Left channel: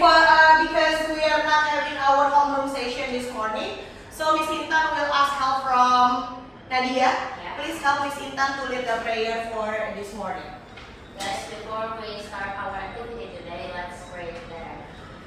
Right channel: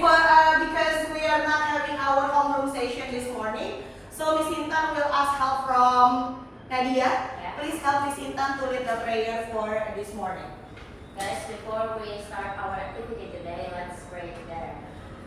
because we are not having our homeroom session this morning, so Miss Intan will ask help from Nadia. Yeah. Please help Miss Intan to lead the prayer for this morning. Guys, before we start our activity today, let's pray together.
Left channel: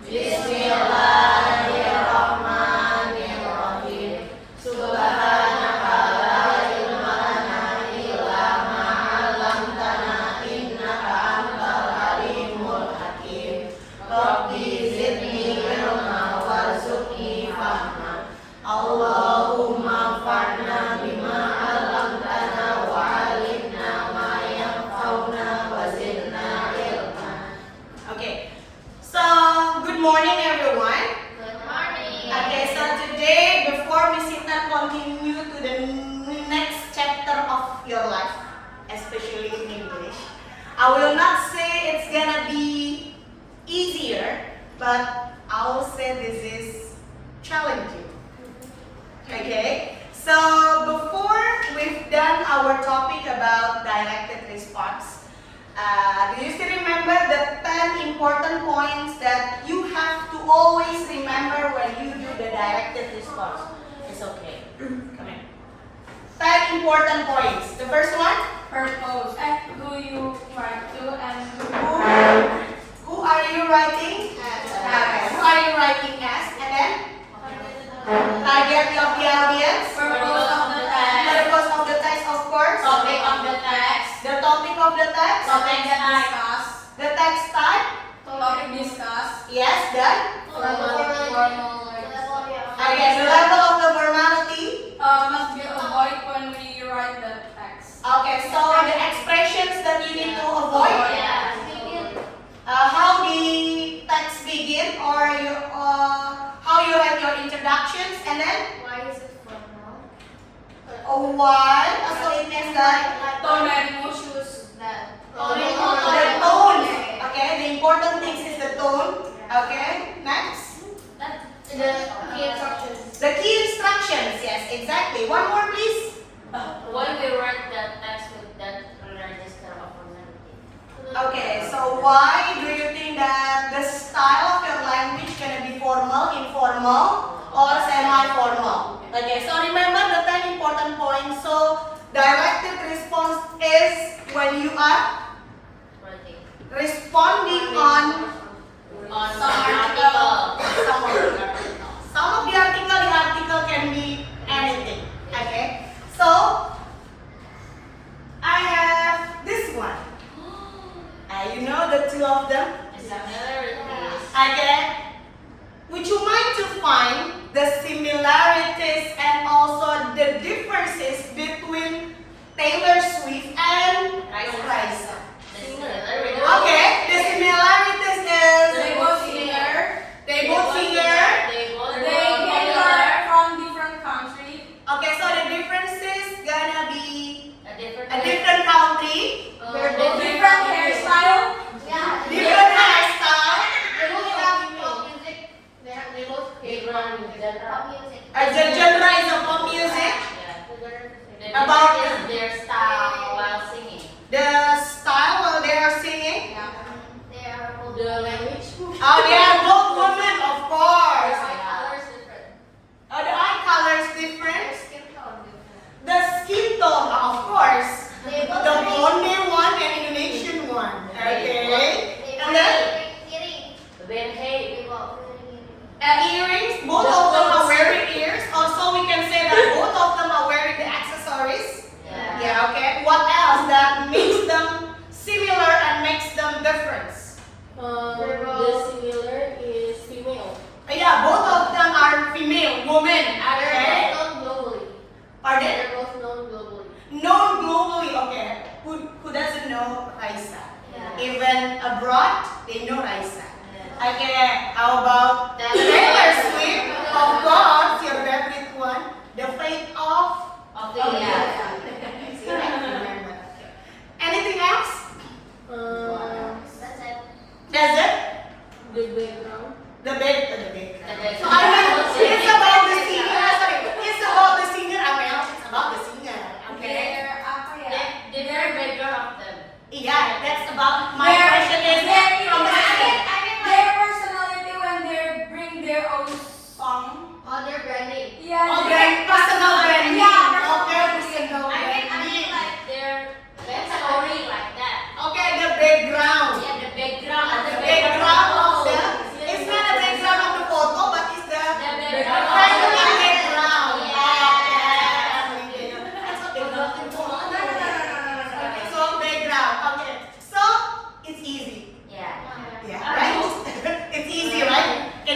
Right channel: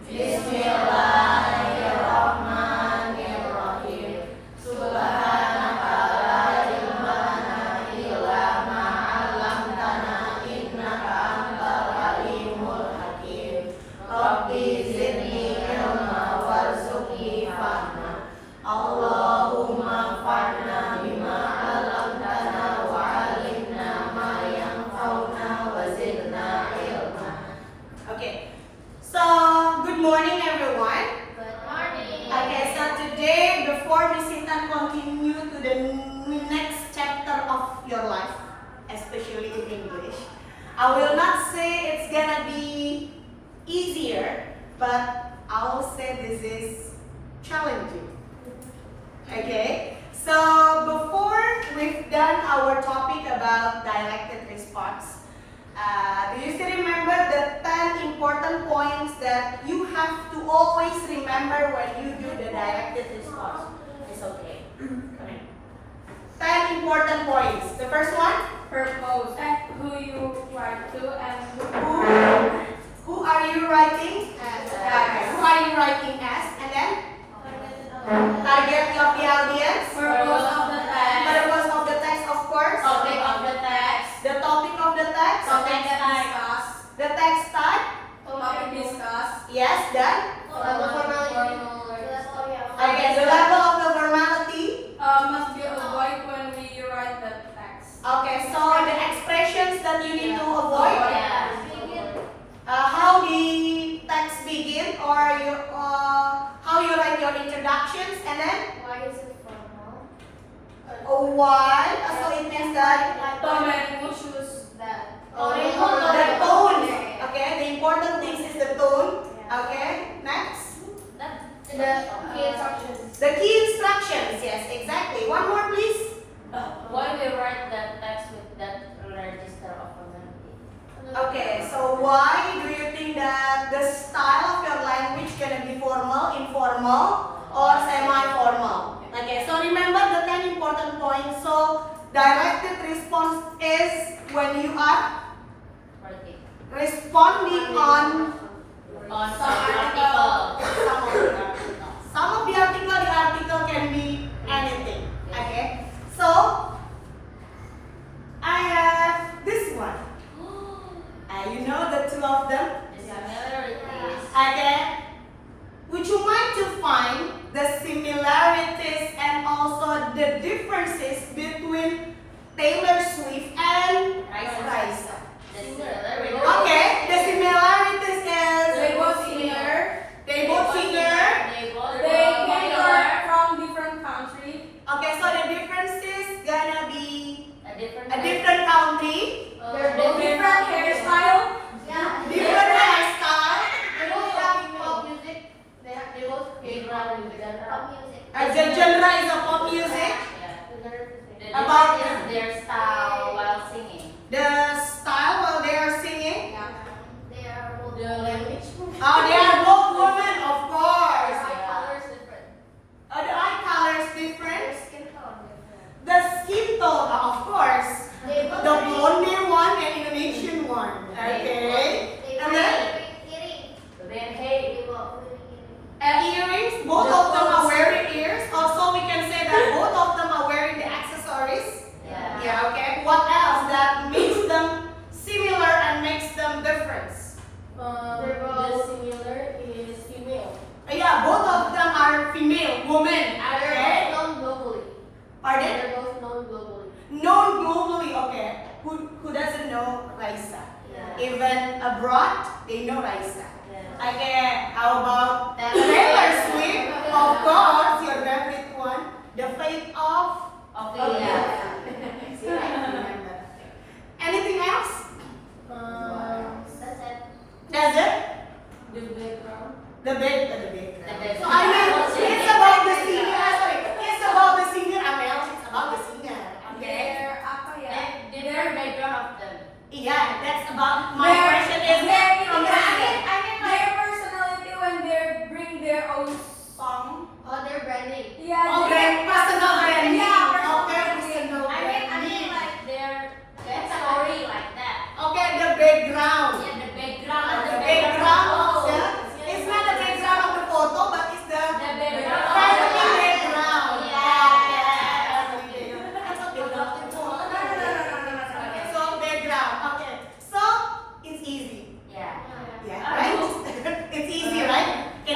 Bismillahirrahmanirrahim. Subhanaka la ilma lana illa ma 'allamtana innaka antal alimul hakim. Rabbi zidni ilma warzuqni fahma. Allahumma fa'na bima 'allamtana wa 'allimna ma yanfa'una wa zidna ilma. Okay. So, good morning everyone. Good morning. Okay, so today, before Miss Intan continue to the next chapter of your life, especially in English, I will not say it's gonna be easier, but I'll say this is challenging. Okay, so before we've done our topic about dialectic response, do you still remember the 10 important points that you have to always remember when you do the dialectic response? It's okay. Come in. 10 important points. The first one, Purpose. Who you write to and who are you writing? Who are you writing as? And then target of the audience. Purpose of the text. Purpose of the text, of course. Topic of the text. The topic of the text. Topic discussed. The text type. Topic discussed. Yes, then. Okay, the level of the formality. Must be avoided when we write the text. Okay, so the expressions that you need to avoid. Yeah. How the text begin, or you, how you write your introductions, and then Why is it formal? why. So it means that Tone and choose that. the tone. Okay, the important thing is the tone. Okay, next. The key instructions. The key instructions. Yes, exactly. One more, please. Why we write the text with that register of formality? Okay, so why do you think that the style of your language gonna be formal, informal, or semi-formal? Okay, so remember the 10 important points. So dialectic response is when you are Writing. responding on On some some article. article. Some of the article can be anything. Okay, so I have this one. You know the two of them. Similarities. Okay, would you mind to find the similarities and also the differences between Taylor Swift and Raisa? The similarities. Okay, the similarities is They both singer. they both singer. They both They popular. came from different countries. Okay, so the differences gonna be A a different country, They're both different hairstyle. Yeah. different hairstyle, They both have pop music. They both Different genre. pop music. the genre is of pop music. The About difference is their style while singing. The style while they are singing. They are both The language. They are both women, of course. colors different. The eye color is different. Their skin tone different. The skin tone, of course. They both The blonde one and Indonesian one. Okay. And then Then hey, earrings. Both of them are wearing ears. Also, we can say that both of them are wearing the accessories. yeah. Yeah. Okay. What else that makes them similar and makes them different? The similar is female. Yeah, both of them are female, women. Okay. known globally. Pardon? They're both known globally. Known globally. Okay. Who doesn't know Raisa? Yeah. Even abroad, they know Raisa. Yeah. Okay, how about Taylor Swift? Of course, your favorite one. The Fate of Ophelia. See, I can remember. Okay. Anything else? That's it. That's it? The background. The bed. The So I mean, it's about the singer. Sorry, it's about the singer. Amel, it's about the singer. Okay. They're apa ya? Their background of them. Yeah, that's about my question is from the singer. Their personality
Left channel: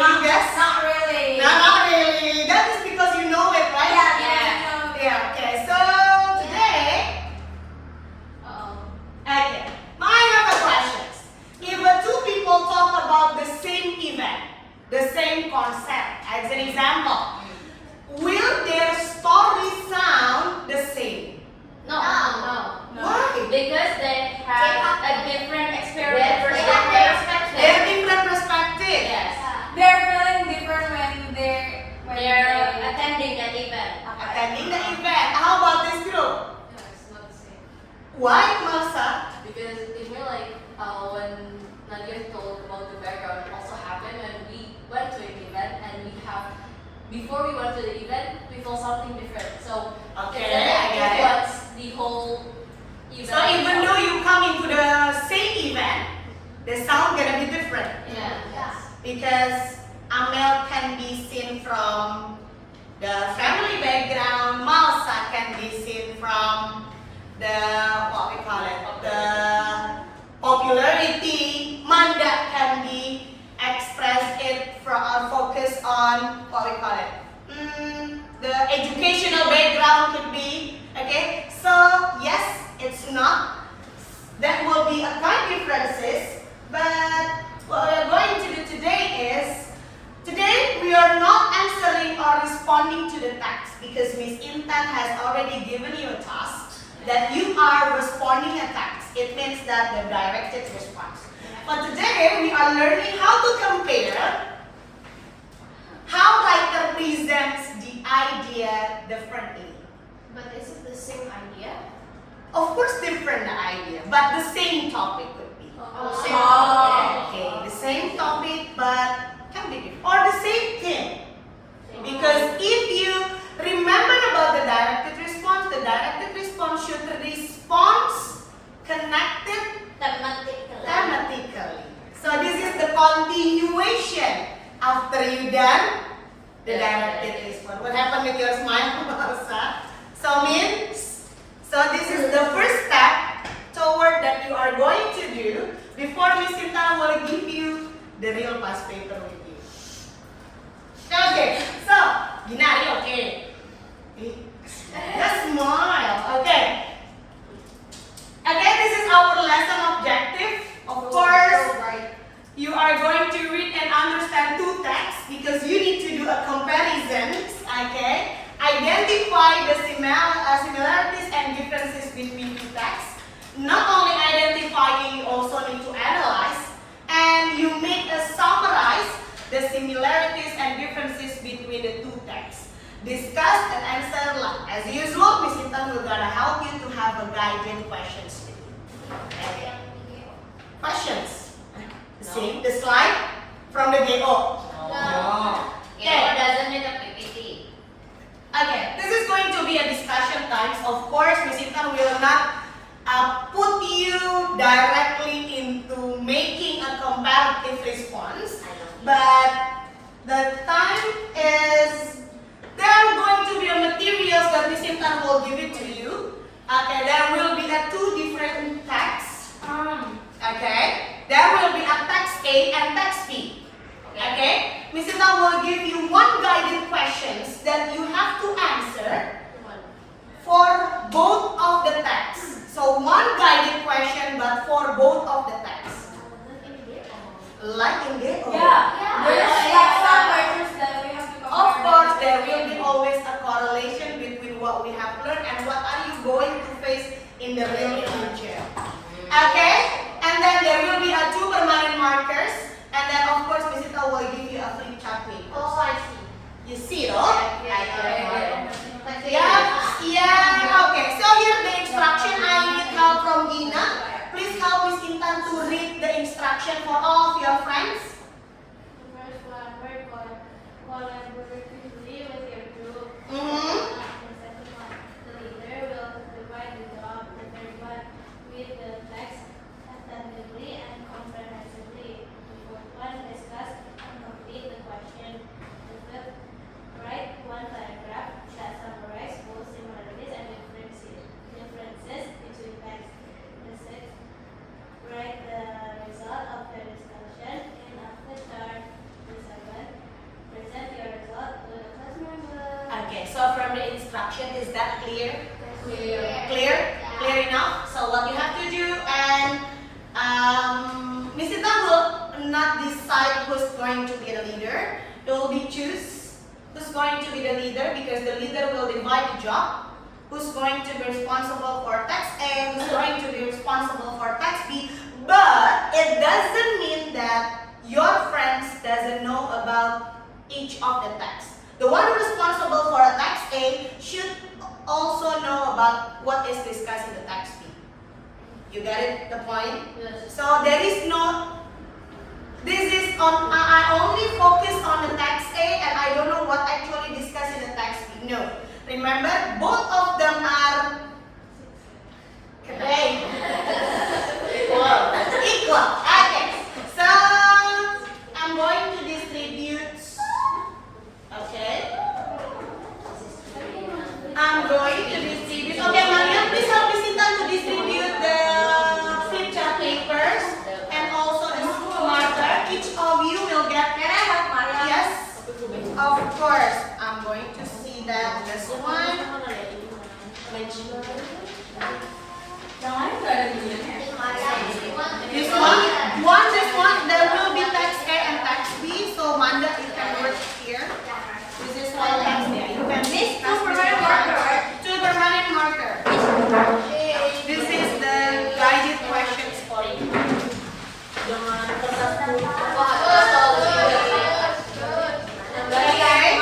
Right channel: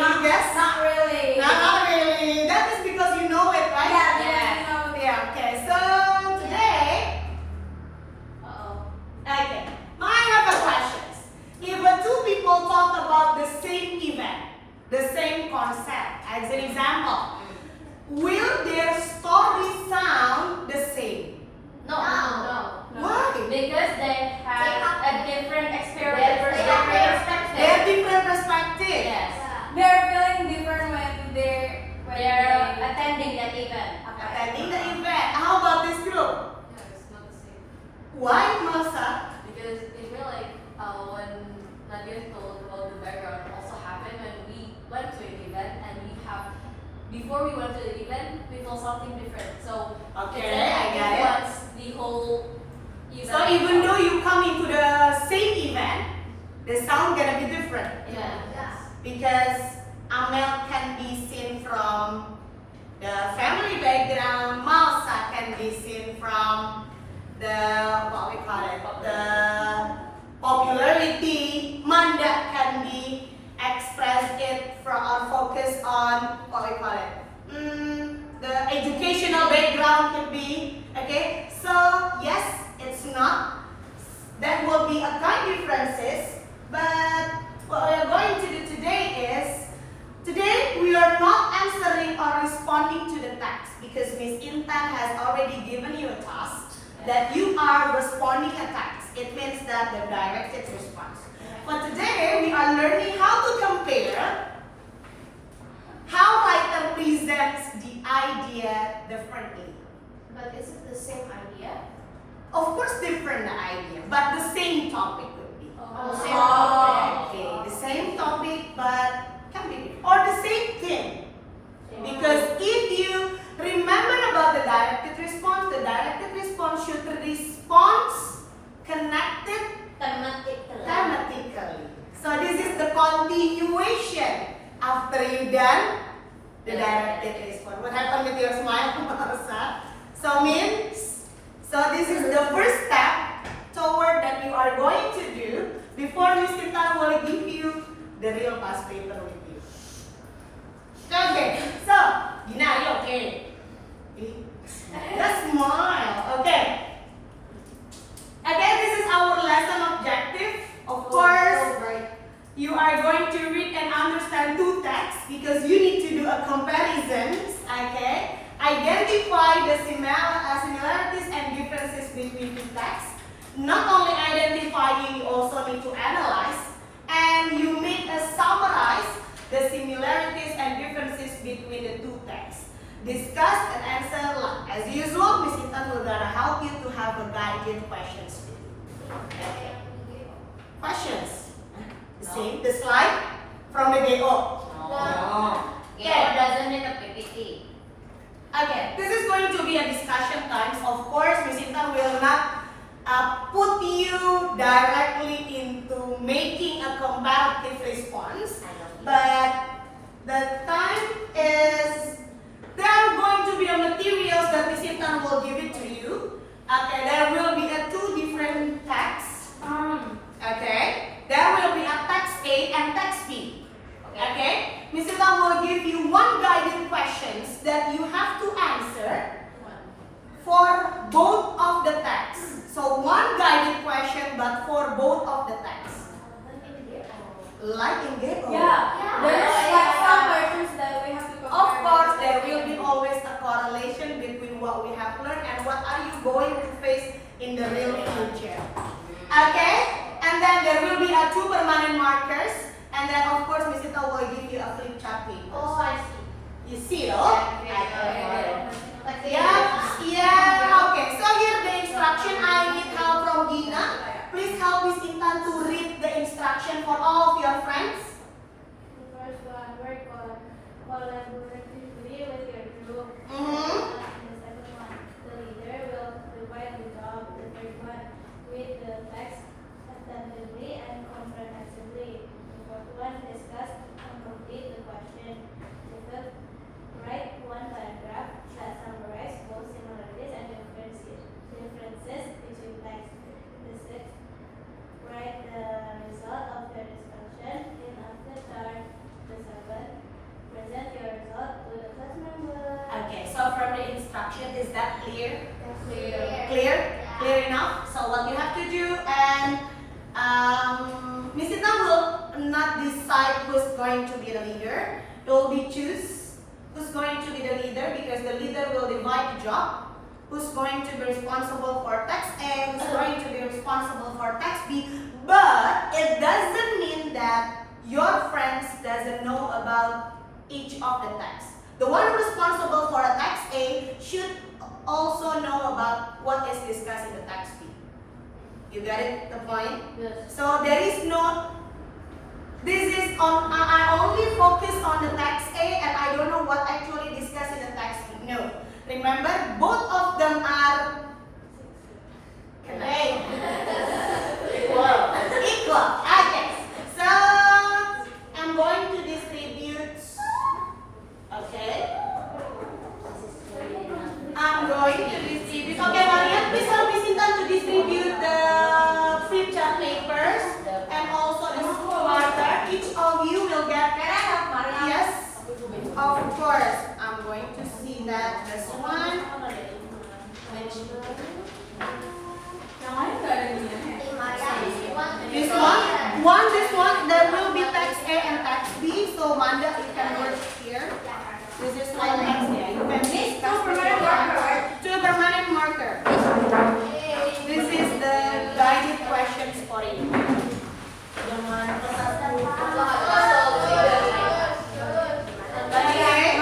you guess? Not really. No, not really. That is because you know it, right? Yeah. Yeah, okay. So today, Uh-oh. okay, I have a questions. If two people talk about the same event, the same concept, as an example, will their story sound the same? No. Why? Because they have a different experience. They have different perspective. Yes. They're feeling different when They're they attending that event. Attending the event. How about this group? No, it's not the same. Why, Masa? Because it feel like when Nadia told about the background, it also happened when we went to an event and before we went to the event, we felt something different. So Okay, it's like I get it. influence the whole event. So even though you come into the same event, the sound gonna be different. Yeah. Because Amel can be seen from the family background, Malsa can be seen from the, what we call it, the popularity, Manda can be expressed it from focus on, what we call it, the educational background could be, okay? So yes, it's not. There will be a kind differences, but what we are going to do today is, today we are not answering or responding to the text because Miss Intan has already given you a task that you are responding a text. It means that the directed response. But today we are learning how to compare how writer presents the idea differently. But is it the same idea? Of course, different idea, but the same topic could be. Okay, the same topic, but can be different. Or the same thing. Because if you remember about the directed response should respond connected thematically. So this is the continuation after you done the directed response. What happened with your smile, Marsa? So means, so this is the first step toward that you are going to do before Miss Intan will give you the real past paper with you. Okay, so Gina, are you okay? Just smile. Okay. Okay, this is our lesson objective. Of course, you are going to read and understand two texts because you need to do a comparison. Okay. Identify the similarities and differences between two texts. Not only identifying, you also need to analyze, and you make a summarize the similarities and differences between the two texts. Discuss and answer as usual. Miss Intan will gonna help you to have a guided questions to you. Okay. Questions? See the slide from the DO. It doesn't need a PPT. Okay, this is going to be a discussion times. Of course, Miss Intan will not put you directly into making a comparative response, but the time is, there are going to be a materials that Miss Intan will give it to you. Okay, there will be two different texts. Okay, there will be a text A and text B. Okay, Miss Intan will give you one guided questions that you have to answer for both of the texts. So one guided question, but for both of the texts. Like in DO. There's like some questions that we have to compare. Of course, there will be always a correlation between what we have learned and what are you going to face in the real future. Okay? And then there will be two permanent markers. And then of course, Miss Ita will give you a flip chart paper. I see. You see, no? Okay. Yeah. Okay. So here the instruction. I need help from Gina. Please help Miss Intan to read the instruction for all of your friends. The first one, work on collaboratively with your group. Mm-hmm. The second one, the leader will divide the job. The third one, read the text attentively and comprehensively. The fourth one, discuss and complete the question. The fifth, write decide who's going to be the leader. You will be choose who's going to be the leader because the leader will divide the job. Who's going to be responsible for task A, who's going to be responsible for task B. But it doesn't mean that your friends doesn't know about each of the tasks. The one responsible for a task A should also know about what is discussed in the task B. You got it, the point? Yes. So there is no, this is on, I only focus on the task A and I don't know what actually discussed in the task B. No. Remember, both of them are okay. Equal. Okay. So I'm going to distribute. Okay. I'm going to distribute. Okay, Maria, please help me sit down to distribute the flip chart papers and also the school marker. Each of you will get. Can I have Maria? Yes. Of course. I'm going to see that this one. This one, there will be text A and text B. So Manda, you can work here. This is one text A. You can two permanent marker. This is the guided questions for you. Okay.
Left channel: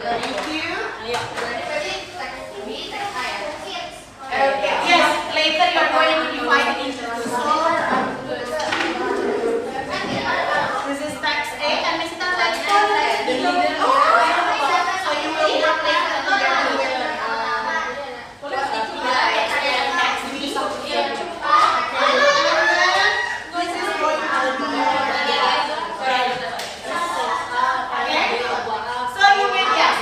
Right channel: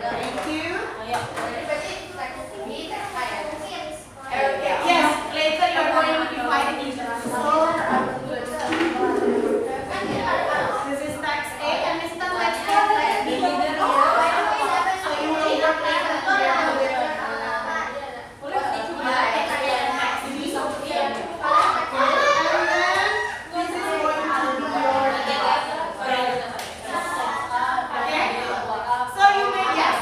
Thank you. Okay. Yes, later you are going to divide it into two. So this is text A and this is the text B. So you will work later together with text B. And then this is going to be your guide. Okay? So you may yes.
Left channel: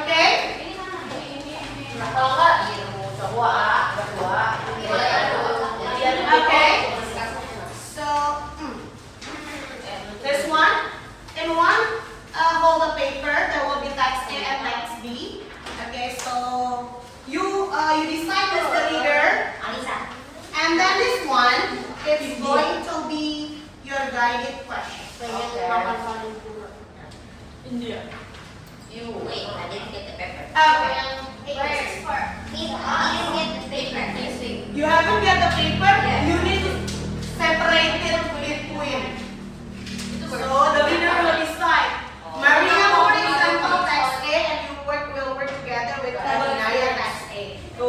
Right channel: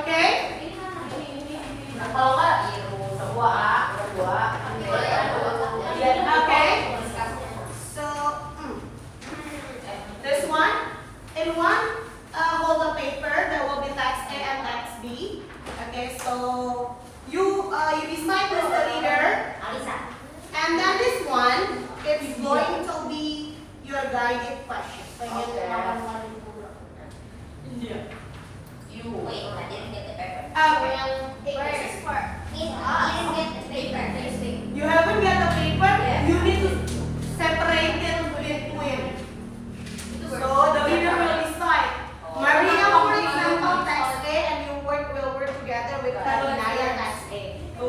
Okay? Okay. So this one, in one hold the paper, there will be text A and text B. Okay, so you decide who's the leader, and then this one is going to be your guided question. You wait, I didn't get the paper. You haven't got the paper. You need to separate it between. So the leader will decide. Maria, for example, text A, and you will work together with Inaya text A. You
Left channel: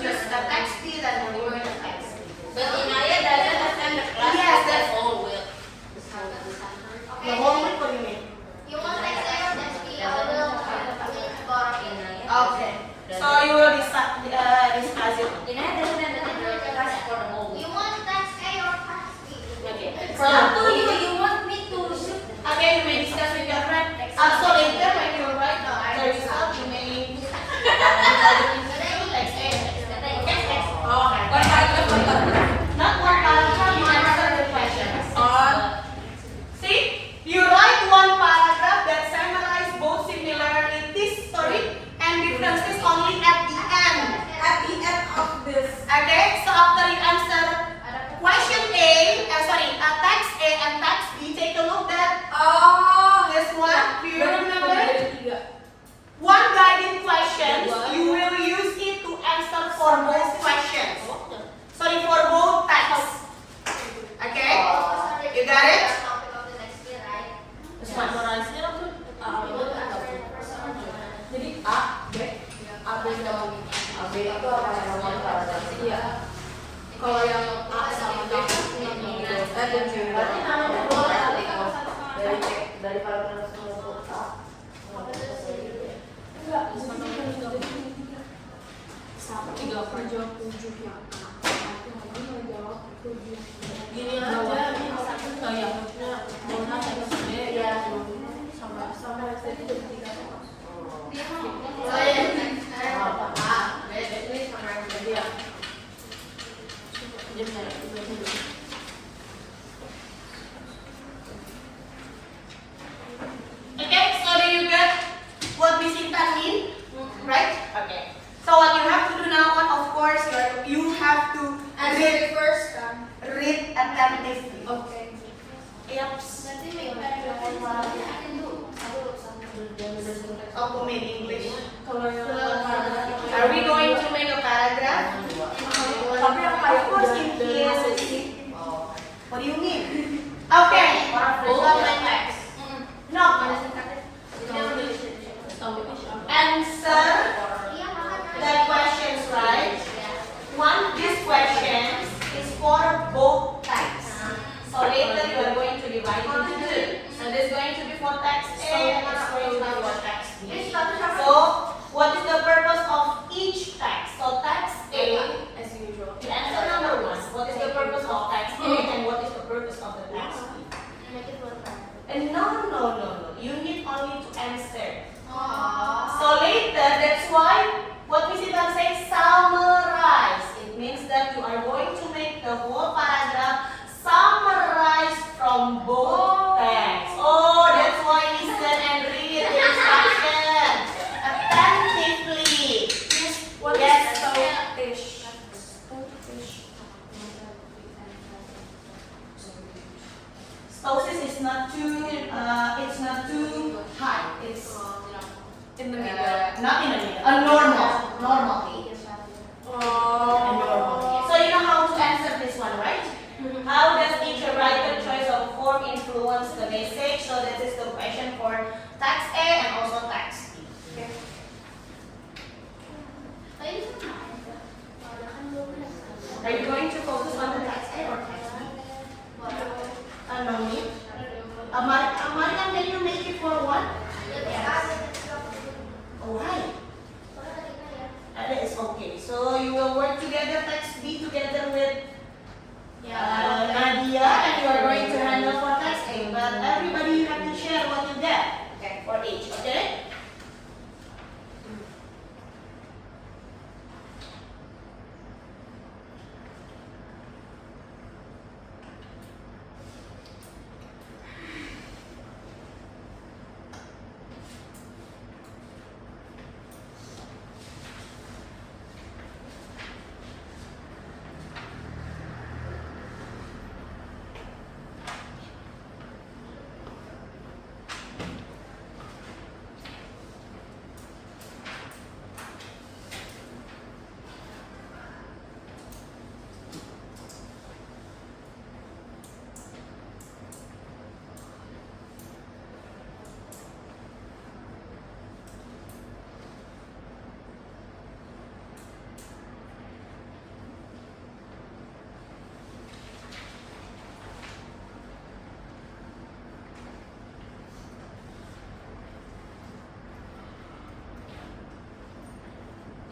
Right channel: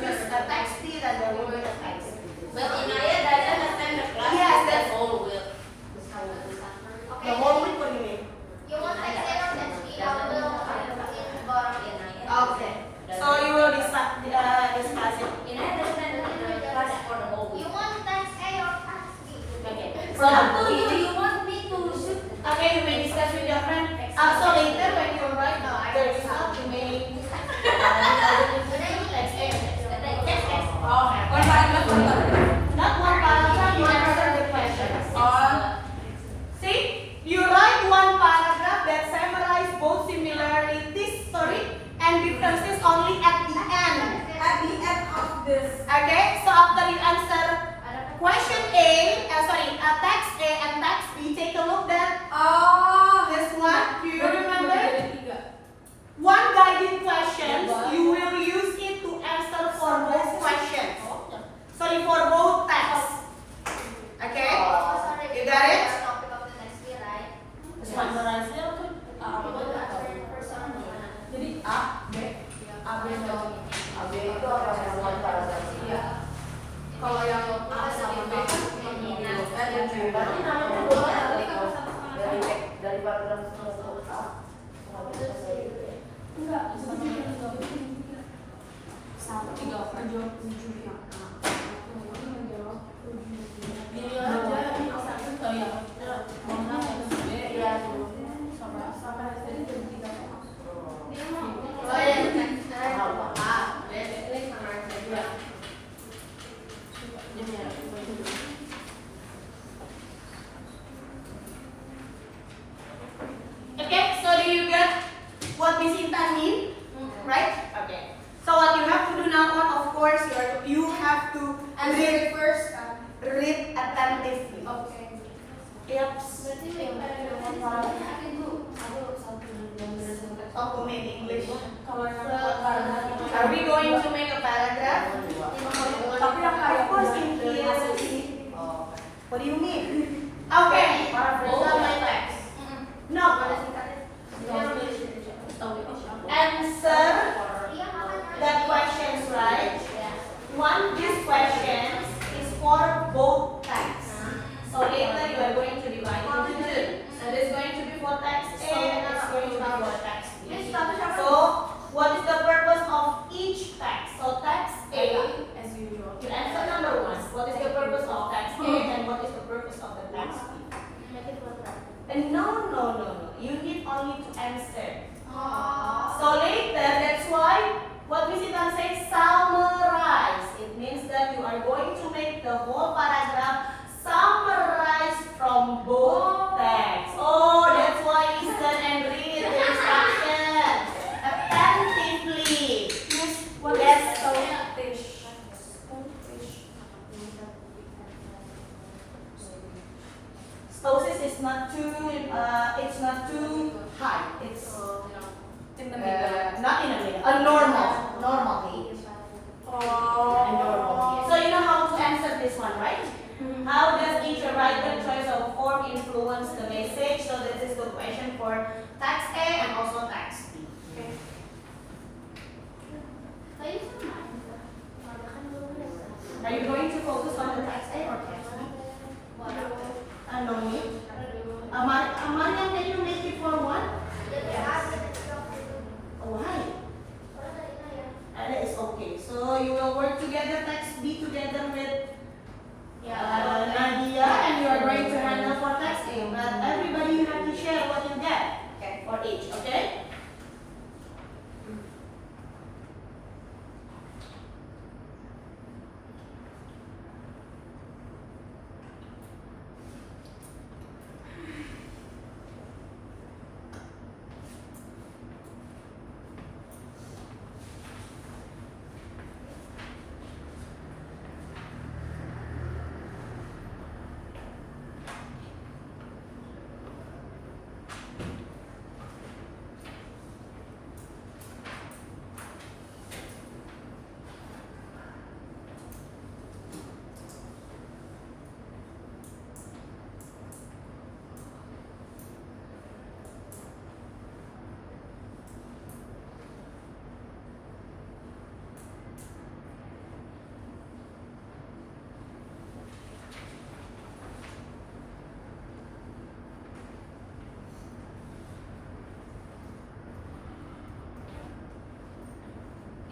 choose a text B, then there will be a text B. But Inaya doesn't attend the class. Yes, the that's- whole week. The whole week, what do you mean? Okay. So you will discuss it. Inaya doesn't attend the class for the whole week. So Up to you. You want me to shoot? okay, you may discuss with your friend. Also later when you write the result, you may text A. Not one paragraph, you answer the questions. See, you write one paragraph that summarizes both similarities, and differences only at the end. At the end of this. Okay, so after you answer question A, text A and text B, take a look at this one. Do you remember? One guided question, you will use it to answer for both questions. For both texts. Okay? You got it? Jadi A, B, AB itu apa yang normal kalau iya. Kalau yang A sama B dan C. berarti namanya dua kali dari paragraf Enggak, sebenarnya 37 yang A. Aku namanya jawab 7. Gini aja, ini satu kayak mana satu B ya sampai tadi jadi 3. Okay, so do you get what Miss Intan mean? Right? Okay. So what you have to do now on, of course, you have to Answer the first read attentively. Okay. Yaps. Berarti make paragraph Document English. Kalau yang paragraph Are we going to make a paragraph? Tapi yang Of course, in here. What do you mean? Okay. Bold my text. No. Answer the questions, right? This question is for both types. So later you are going to divide into two. So this is going to be for text A and this is going to be for text B. So what is the purpose of each text? So text A, As usual. you answer number 1. What is the purpose of text A and what is the purpose of the text B? And no. You need only to answer. So later, that's why what Miss Ivan says, summarize. It means that you are going to make the whole paragraph summarize from both texts. Oh, that's why listen and read the instruction attentively. Yes. Stosis is not too, it's not too high. It's In the middle. not in the middle. A normal age. A normal. So you know how to answer this one, right? How does each writer choice of form influence the message? So this is the question for text A and also text B. Okay. Are you going to focus on the text A or text B? No need. Mariam, can you make it for one? Why? That is okay. So you will work together, text B together with Nadia, and you are going to handle for text A. But everybody you have to share what you get. Okay, for each. Okay.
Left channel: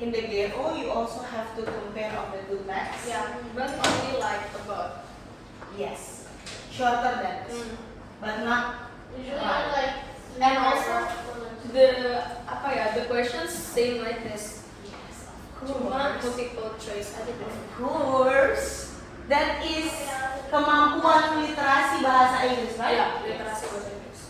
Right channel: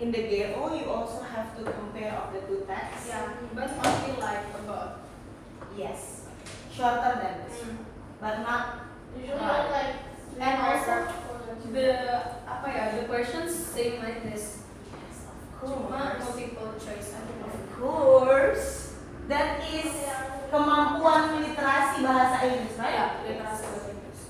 In the GEO, you also have to compare of the two texts. But only like about. Yes. Shorter than this. But not. And also the questions same like this. Cuma multiple choice. Of course. That is kemampuan literasi bahasa Inggris, right? Yeah, literasi bahasa Inggris.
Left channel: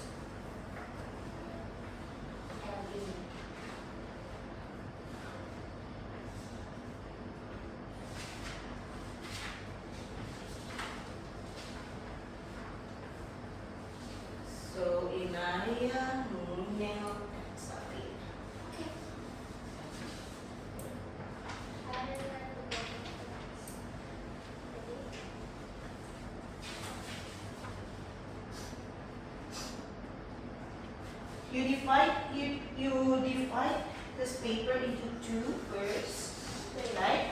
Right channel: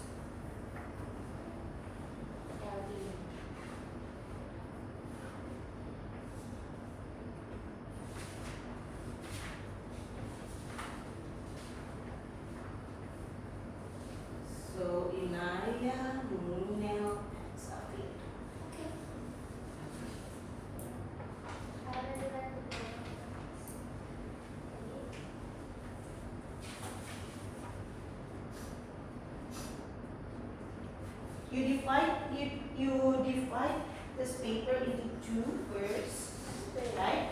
So Inaya, Nunel, Safi. You divide this paper into two first, right?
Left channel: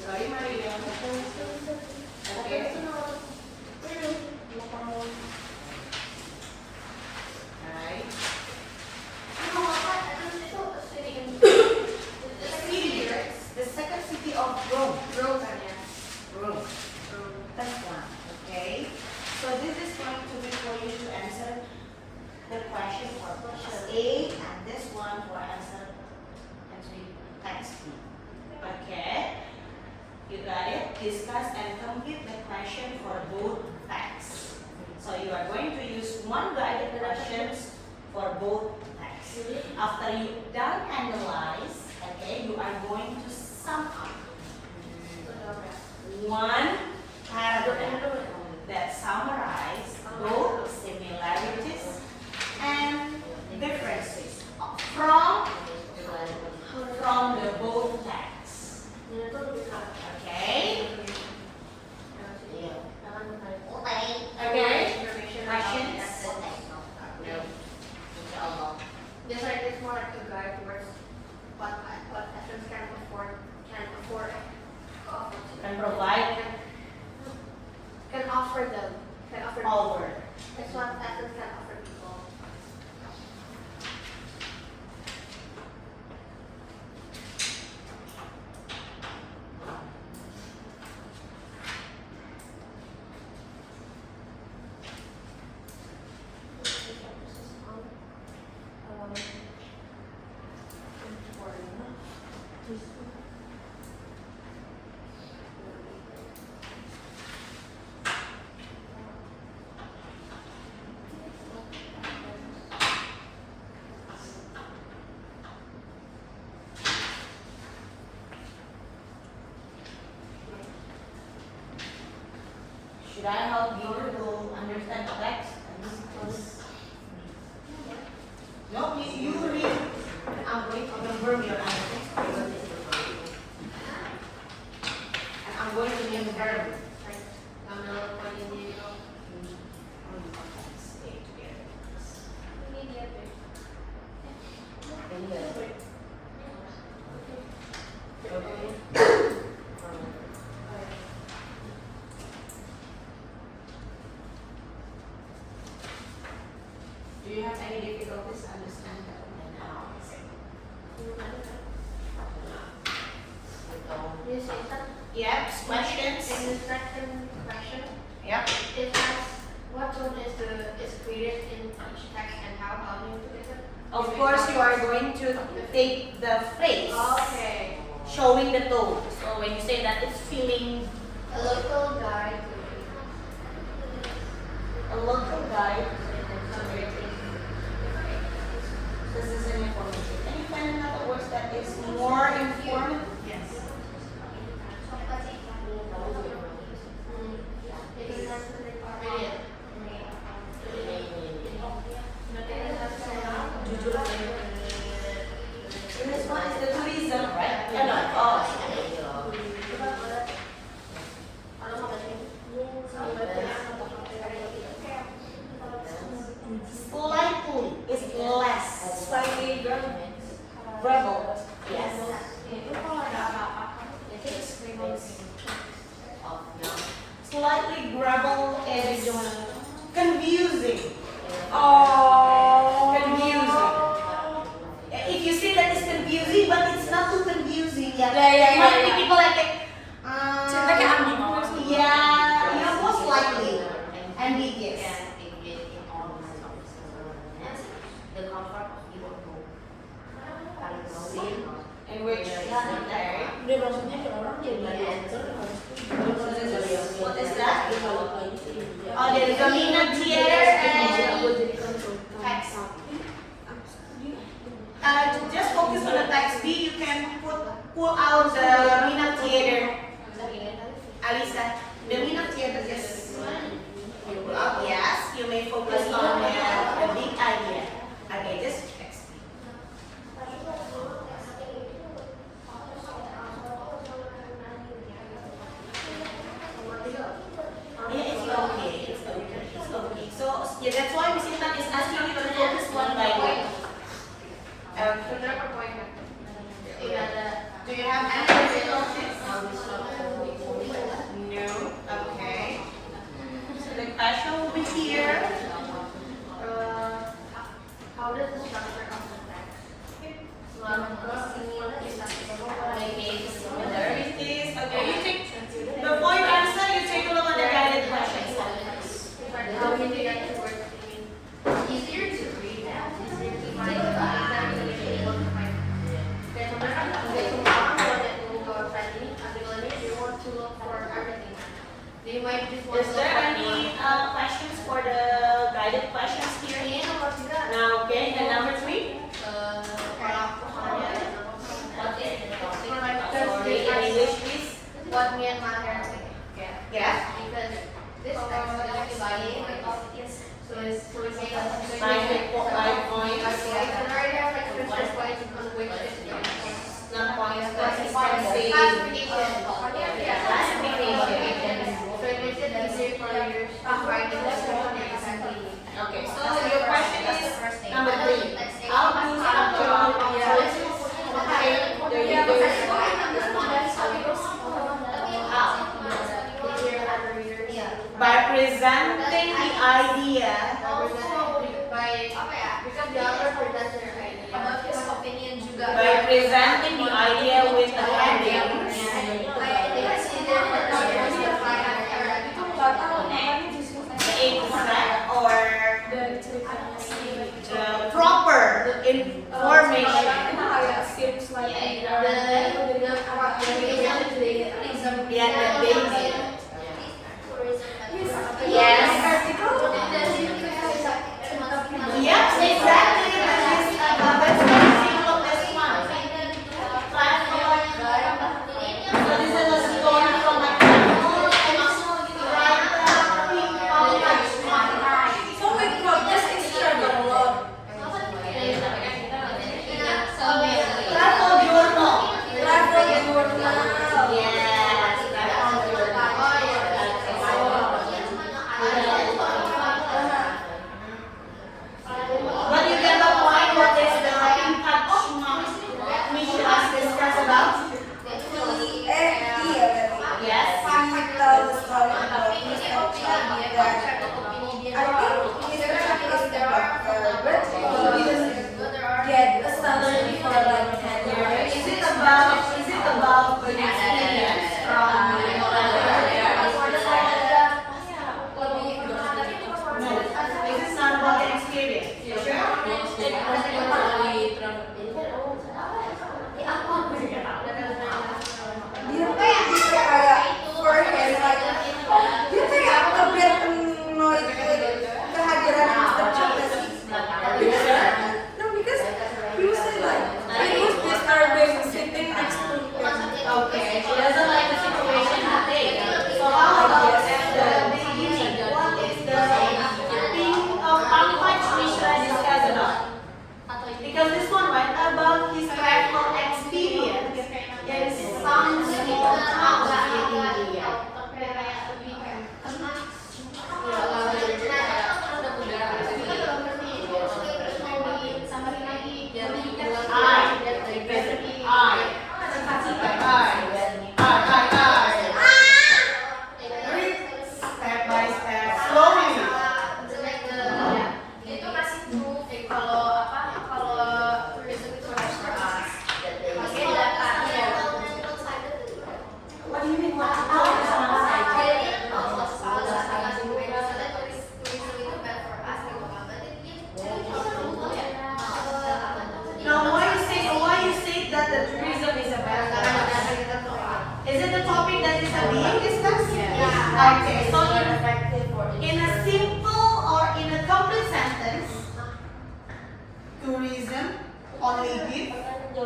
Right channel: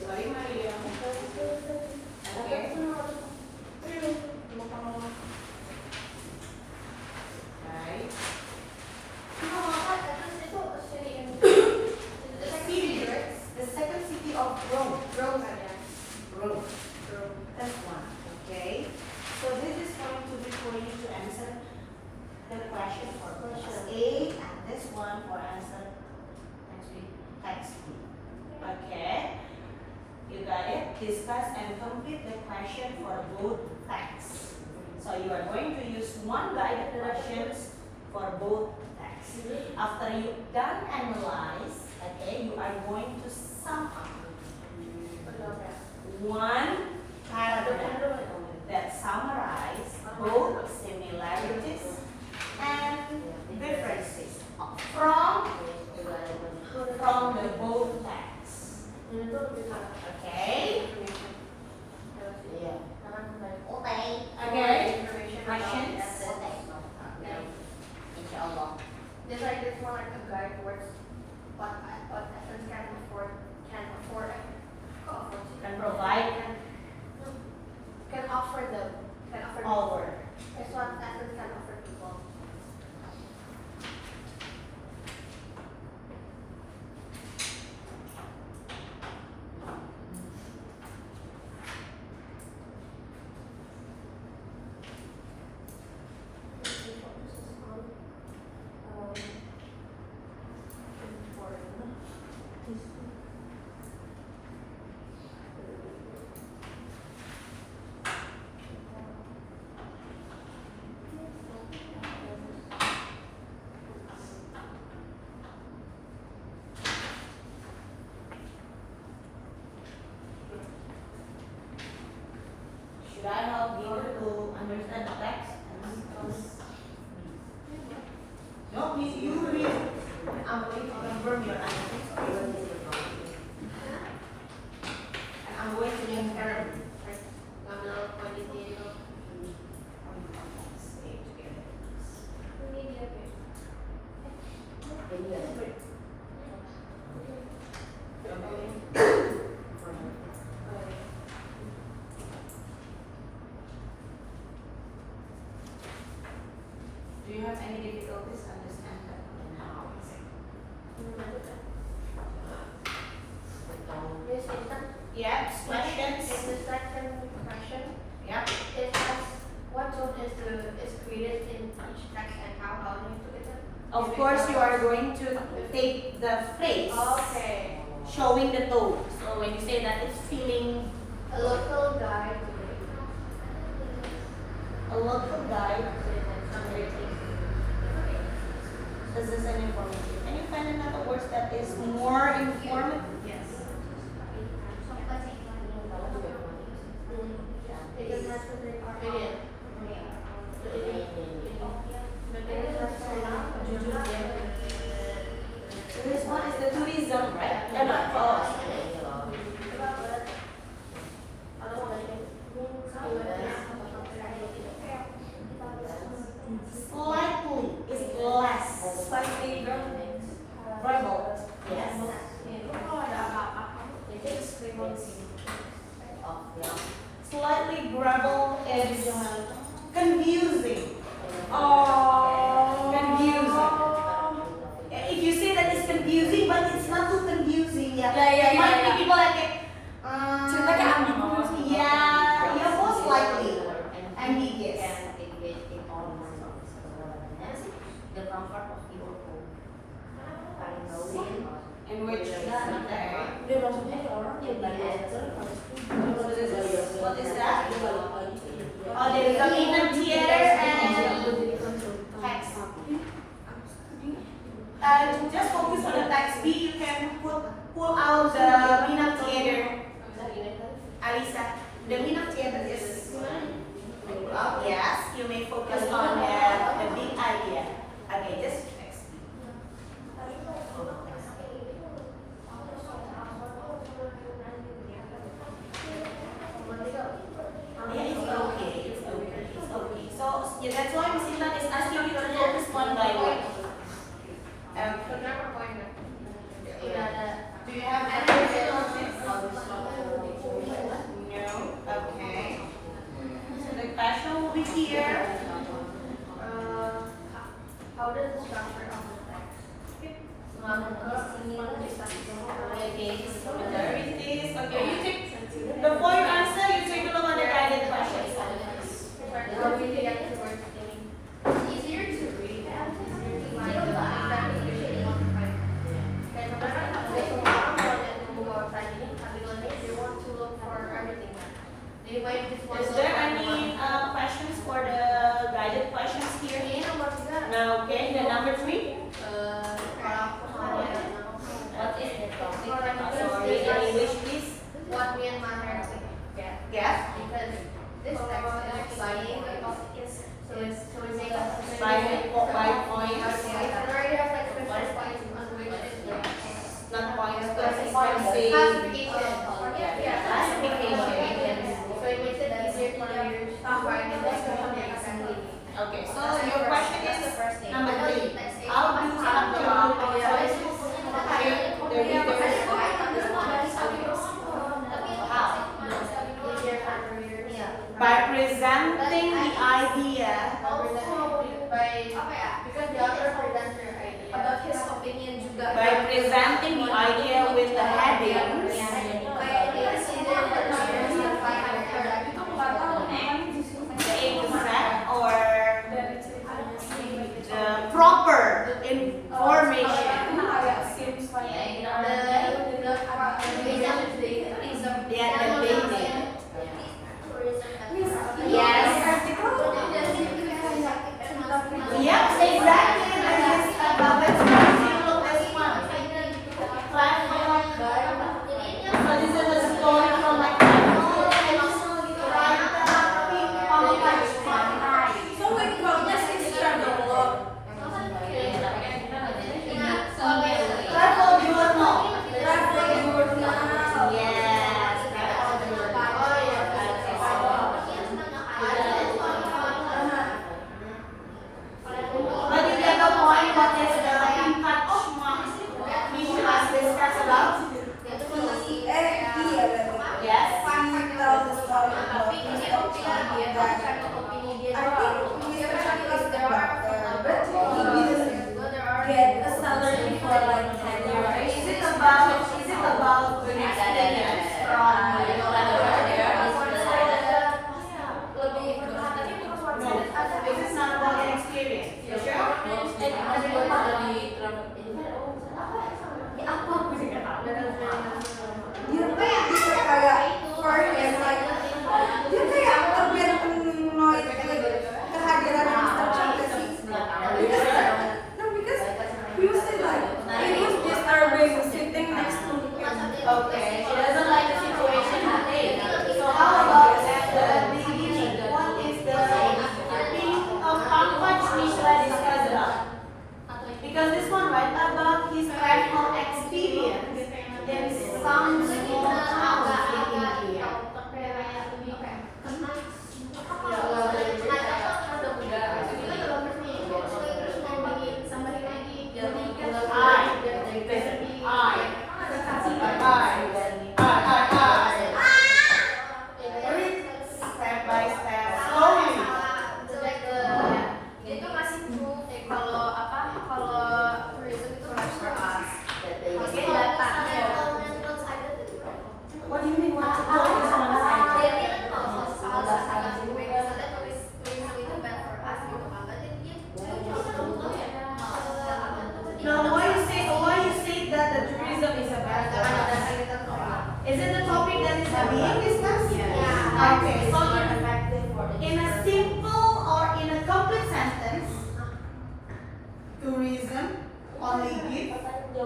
Sorry, Maria. Okay. Right. The second city of Rome. Rome. That's one. Okay. So this is going to be for you to answer the question for text A and this one for answer text B. Okay. You got it? Discuss and complete the question for both texts. So you are going to use one guided directions for both texts. After you done analyze, okay, you are going to sum up one Should I help you to understand the text? No, you read. I'm going to confirm your answers. And I'm going to confirm. Do you have any difficulties to understand that? Miss Ethan, Yep, questions? and the second question, Yep. it asks what tone is created in each text and how do you do it? Of course, you are going to take the phrase Okay. showing the tone. So when you say that, it's feeling A local guide. a local guide. This is an informative. Can you find another word that is more informative? Yes. This one is the tourism, right? No, oh, slightly is less. Slightly Rebel. Yes. Slightly grabble is confusing. Confusing. If you say that it's confusing, but it's not too confusing yet. Yeah. Might be people like Cerita kayak ambiguous. yeah, most likely ambiguous. The comfort of your home. In which okay. What is that? Oh, there is a Minang theater and text. Just focus on the text B. You can pull out the Minang theater. Alisa, the Minang theater is yes. You may focus on the big idea. Okay, just text B. Yeah, it's okay. It's okay. It's okay. So yeah, that's why Miss Intan is asking you to focus one by one. Okay. Do you have any difficulties? No. Okay. So the question will be here. How does the structure of the text? There it is. Okay, you take before you answer, you take a look at the guided questions. Easier to read and easier to find. You want to look for everything. They might just want Is to there look any questions for the guided questions here? for Now, okay, then number 3. What is the topic? Sorry, in English, please. what Myanmar has to get. Yes. Because this text is buying so we say that Five points. Not points, but it's Classification. say Classification. classification. So it makes it easier for you to find the assembly. Okay, so your question is number 3. How do you structure the readers? By presenting the idea. Because the other presenter about his opinion juga. By presenting the idea with the headings. Exact or proper information. Yeah, the dating. Yes. Yes, exactly. That's very simple as one. Platform. that I think Mr. Chuck is the doctor, but he didn't get a salary for like 10 years. Is it about the experience from This is not about the experience. You sure? Dia tuh kayak for him like dia kayak a bit annoyed with kehadiran Mr. Chuck gak sih? Because he was like it was disturbing sitting next to him. Okay, she doesn't like the situation. Okay, so how about the beginning? What is the thing of Pankaj Mishra discussed about? Because this one, right, about his travel experience in some small town in India. Read step by step, slowly. Itu kasih proof kalau tourism itu harus beras. Oke, datanya. What do you mean? What? Jadi tourism itu bad for us gitu kan. Berarti dia Now, why you say that the tourism is a bad for us? Is it a topic that is being discussed? Yeah. Okay, so effective for in a simple or in a complete sentence, tourism only give to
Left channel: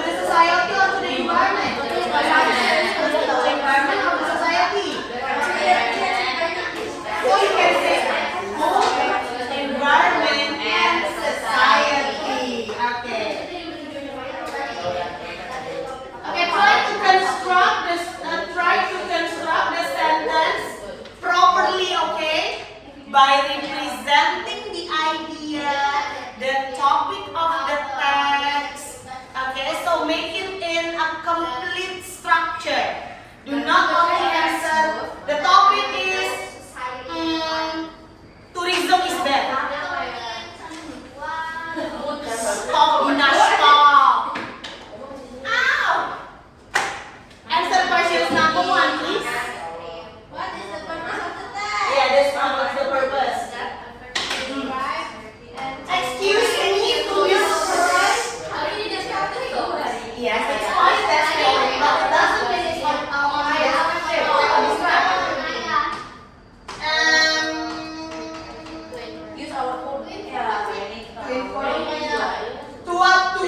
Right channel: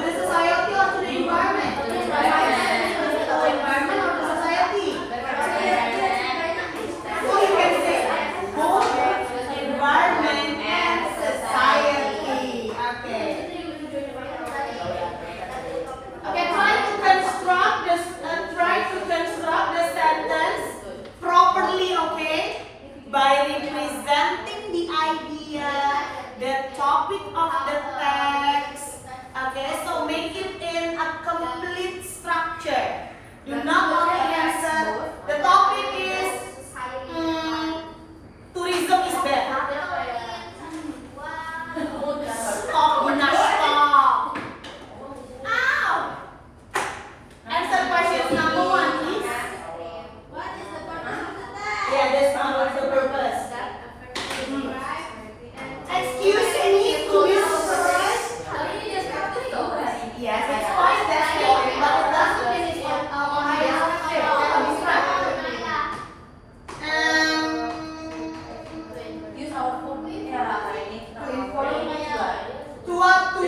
the society or to the environment? To the environment or to society? So you can say both environment and society. Okay. Okay, try to construct the sentence properly, okay? By representing the idea, the topic of the text. Okay, so make it in a complete structure. Do not only answer. The topic is tourism is bad. Stop, Gina, stop. Ow! Answer questions number 1, please. What is the purpose of the text? Yeah, this one was the purpose. Excuse me, who is surprised? Yes, it's fine, that's great, but it doesn't finish on my description. use our phone. To what to?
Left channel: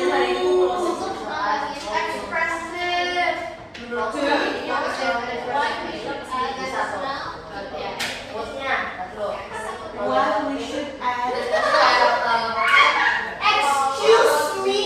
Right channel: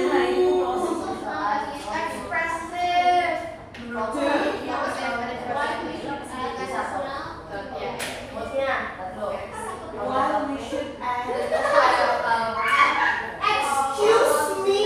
Expressive. What we should add? Excuse me.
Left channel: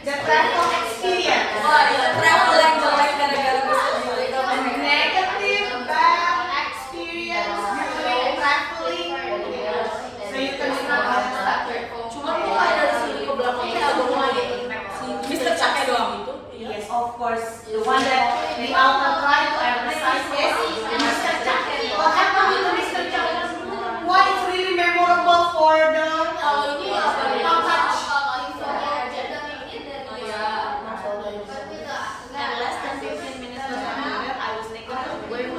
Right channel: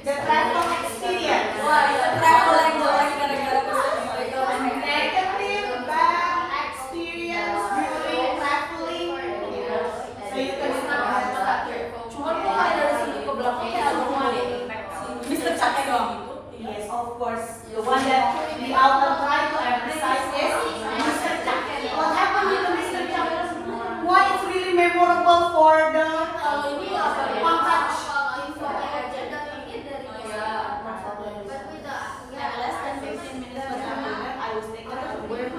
The travel experience. Wah, ya travel yang jelek gara-gara kesedihan itu. Negative bad experience during traveling. So you can Cuma kok nggak dari sini ke belakang kayak abang mau Mr. Cake doang itu. Yes, of course. The one that the author tried to emphasize is Mr. Chuck. What happened with Mr. Chuck? What is really memorable for the how much? And less than 15 minutes to come here, I was thinking of Going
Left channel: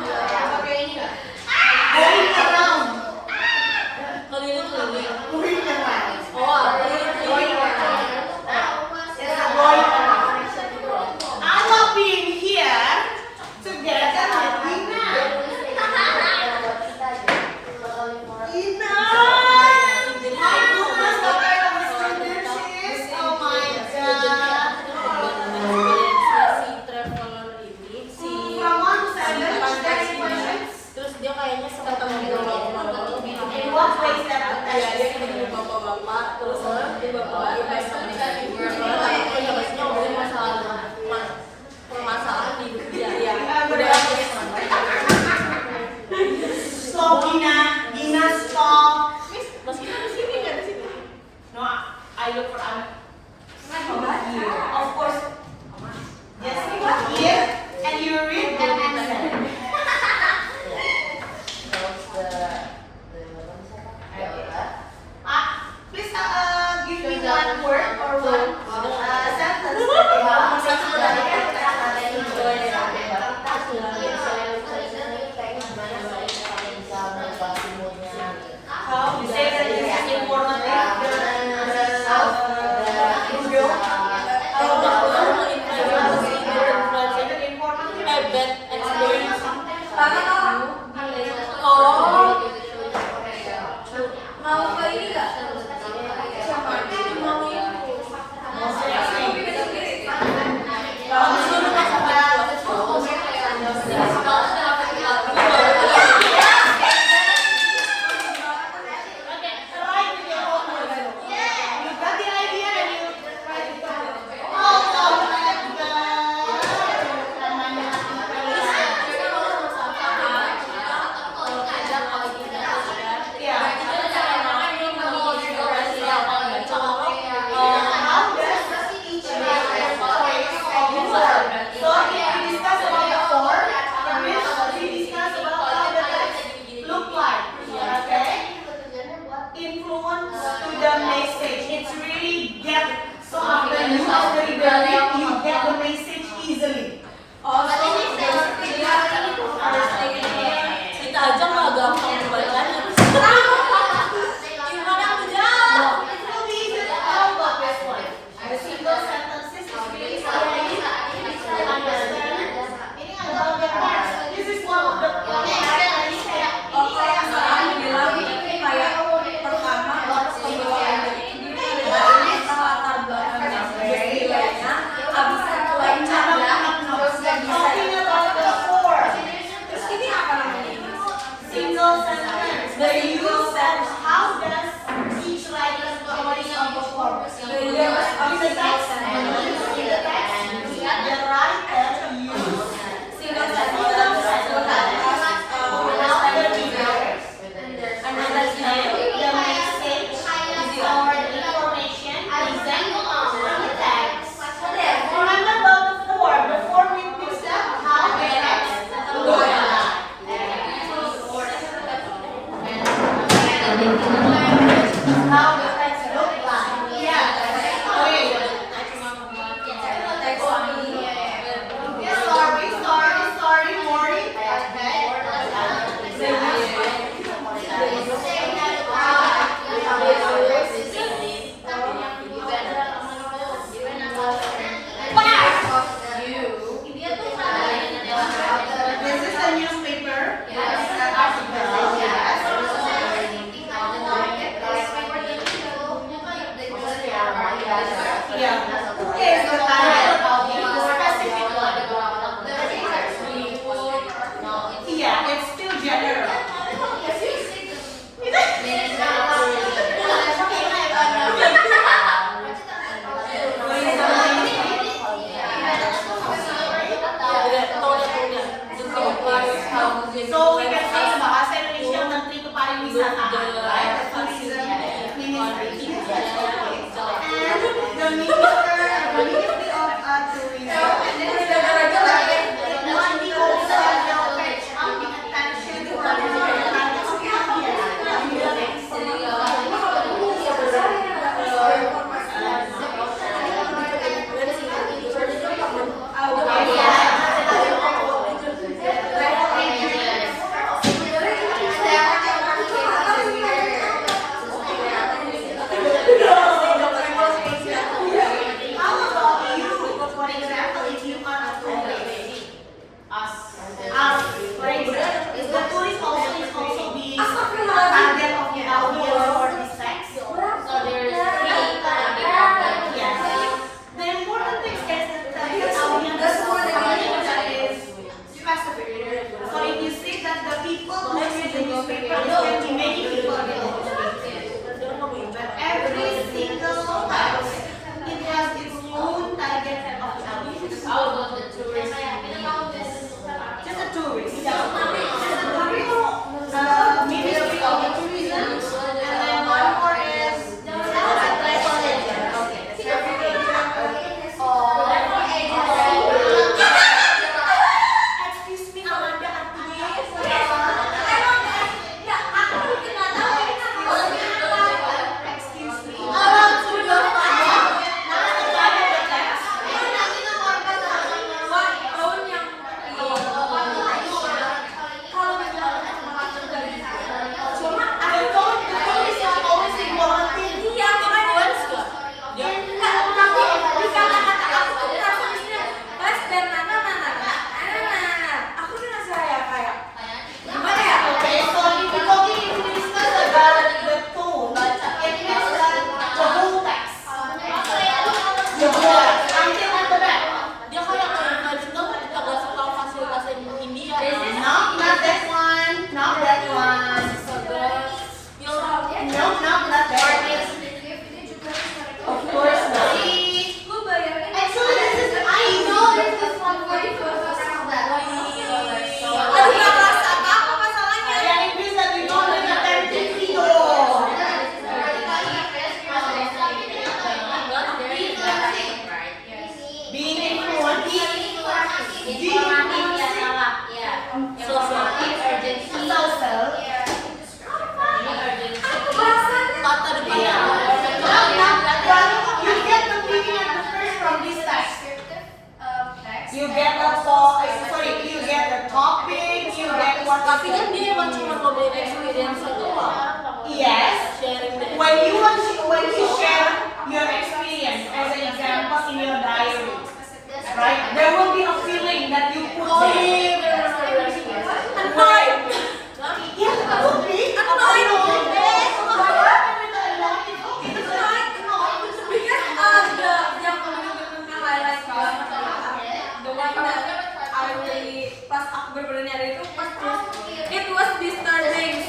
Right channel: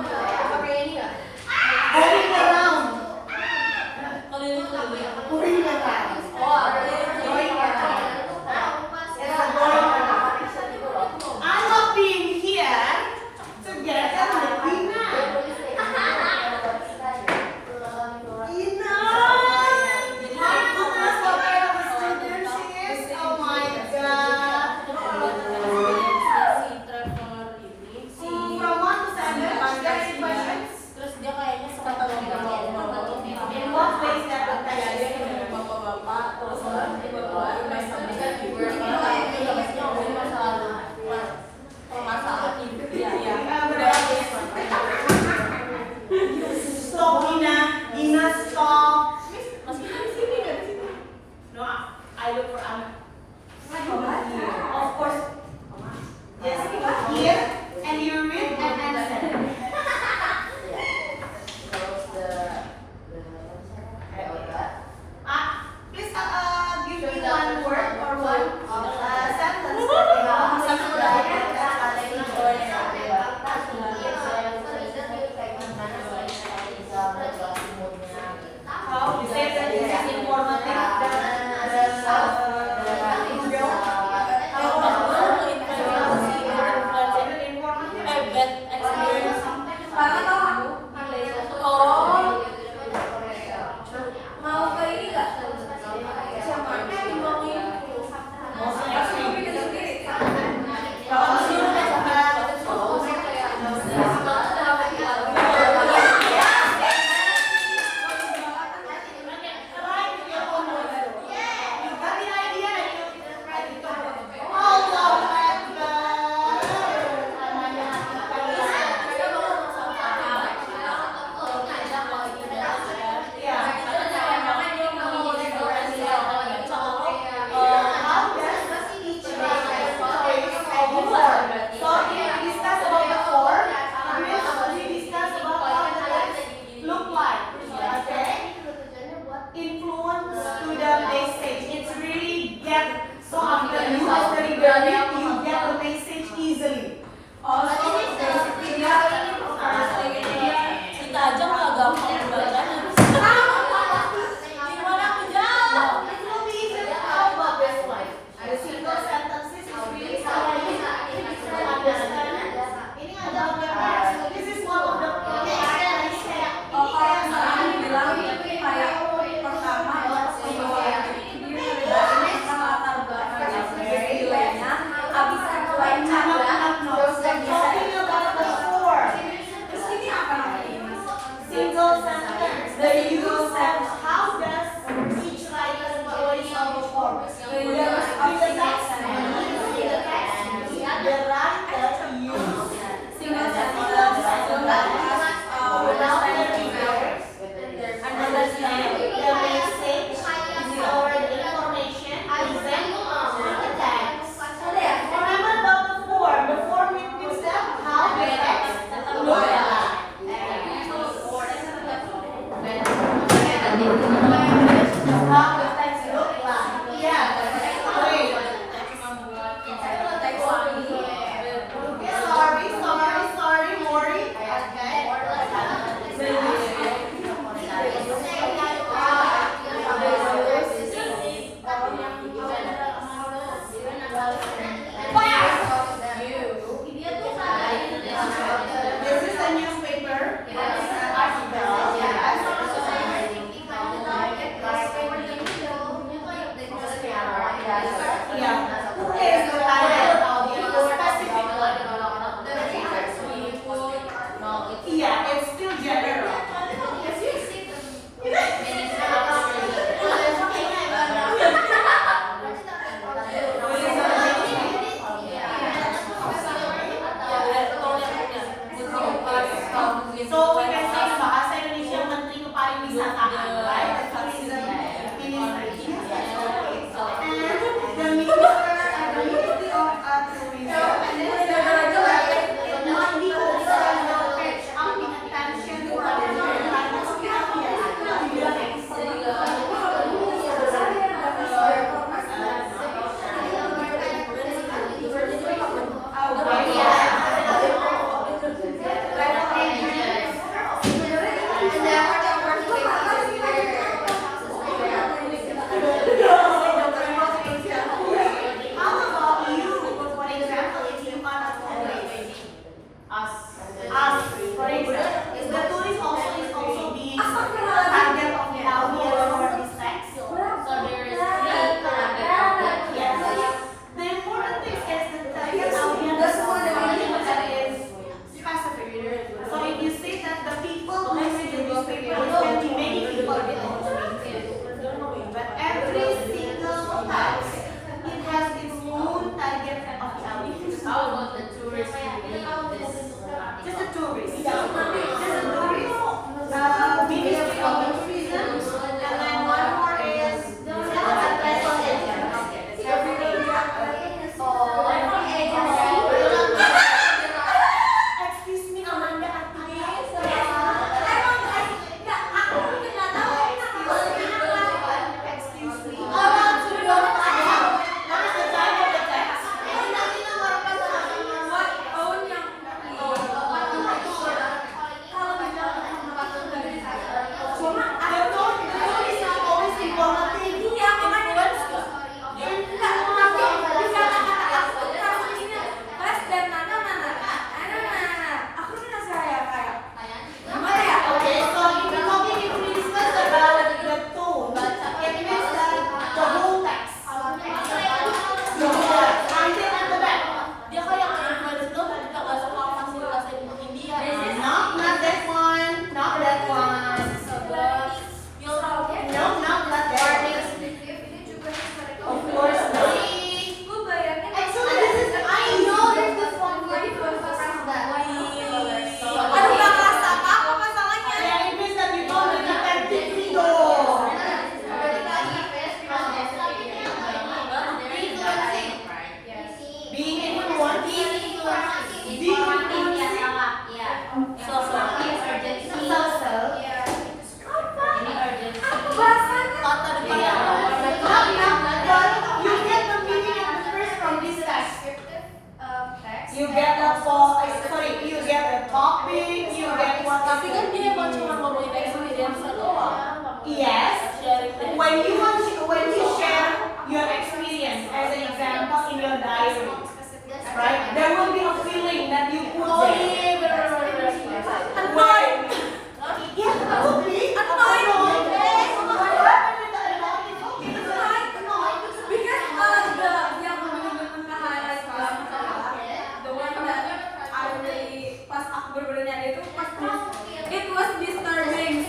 around. Keliling-keliling. Going around. Oh, Going around. It's a going around. I'm not being here together with Dina. Dina! My goodness, the kind of student she is. Oh my god. From 1 to 7, any questions? Terus dia kayaknya sempat ngobrol In what ways that would kayak touch dia you? ketemu bapak-bapak, terus dia bapak-bapak kayak dia pasti ngobrolin masalah hidup dia ya. Udah Stop, Dina. Dina, stop. meskipun di sini nggak di sini. No, I look for Anna. Of course. Just click here and you read and answer. Please give me one word or one sentence. How you say that this is informative? Mau ke ini nggak? You got the idea and you try to cover. Oh my How does each method before? So if we discuss about the form, it means we discuss about how the text look like. Okay? Influence to the message. It's really get so after you get the message easily. Oh, Kita aja nggak gampang membacanya. Gimana aku jawab? No, it's really easy. How about this one? The single sentences is really something to understand about the text. This is one of the Aku bilang ini kayak pertama pembawaan ini dari latar belakangnya sebagainya, abis itu lainnya terus yang bisa talking about the form. terus ini apa namanya ini? Single sentence. The use and how does each writer choice of the form? The use of the text and In the text, the writer use single sentence so that without the readers. Understand the message or the information present on the text. Remember about the form. The form means that how the text look like. How the text look like. Yeah. Wait. Sorry, Maury. This is a newspaper. Yeah. Who is the title of the specific one? Yeah, it's still general. What is the the ministry of tourism. It might be also paying attention to what is going on. How about you? For example, if you are a tourist, for example, the tourist also being a target of the audience for this sex. So there is three target of that. Yes. The important thing is that the target audience is something that is specific. So if you say that the people who read the newspaper is going to many people read the newspaper, but every single house it has its own target of audience. How about the tourist? Just a tourist. Just a tourist. The ministry of tourism, and then one more is excuse me, Amanda, excuse me. Okay, so if we're talking, if we discuss about the tone, it means like the whole text. The whole text. Until at the back. Dia kayak nge-influence itu ketika gak suka fasilitas India. Not that one. Not that one. No, not that one. Of course not. Actually, this is, I know this is one for the Aduh, gak kerasa apa masalahnya. Yeah, it means that you don't live in that video. Being influenced. Kata depan. You get the meaning of the first from this text. You get the you get the topic, you get what. Tapi kan dia emang cuma ngomongin experience doang. Yes. Sharing the When you share your experience as an example in your diary, right? There will be a feeling that you put there. Annoyed. Yeah, would be annoyed. Pas aku bener-bener nyari itu pas it was disturbing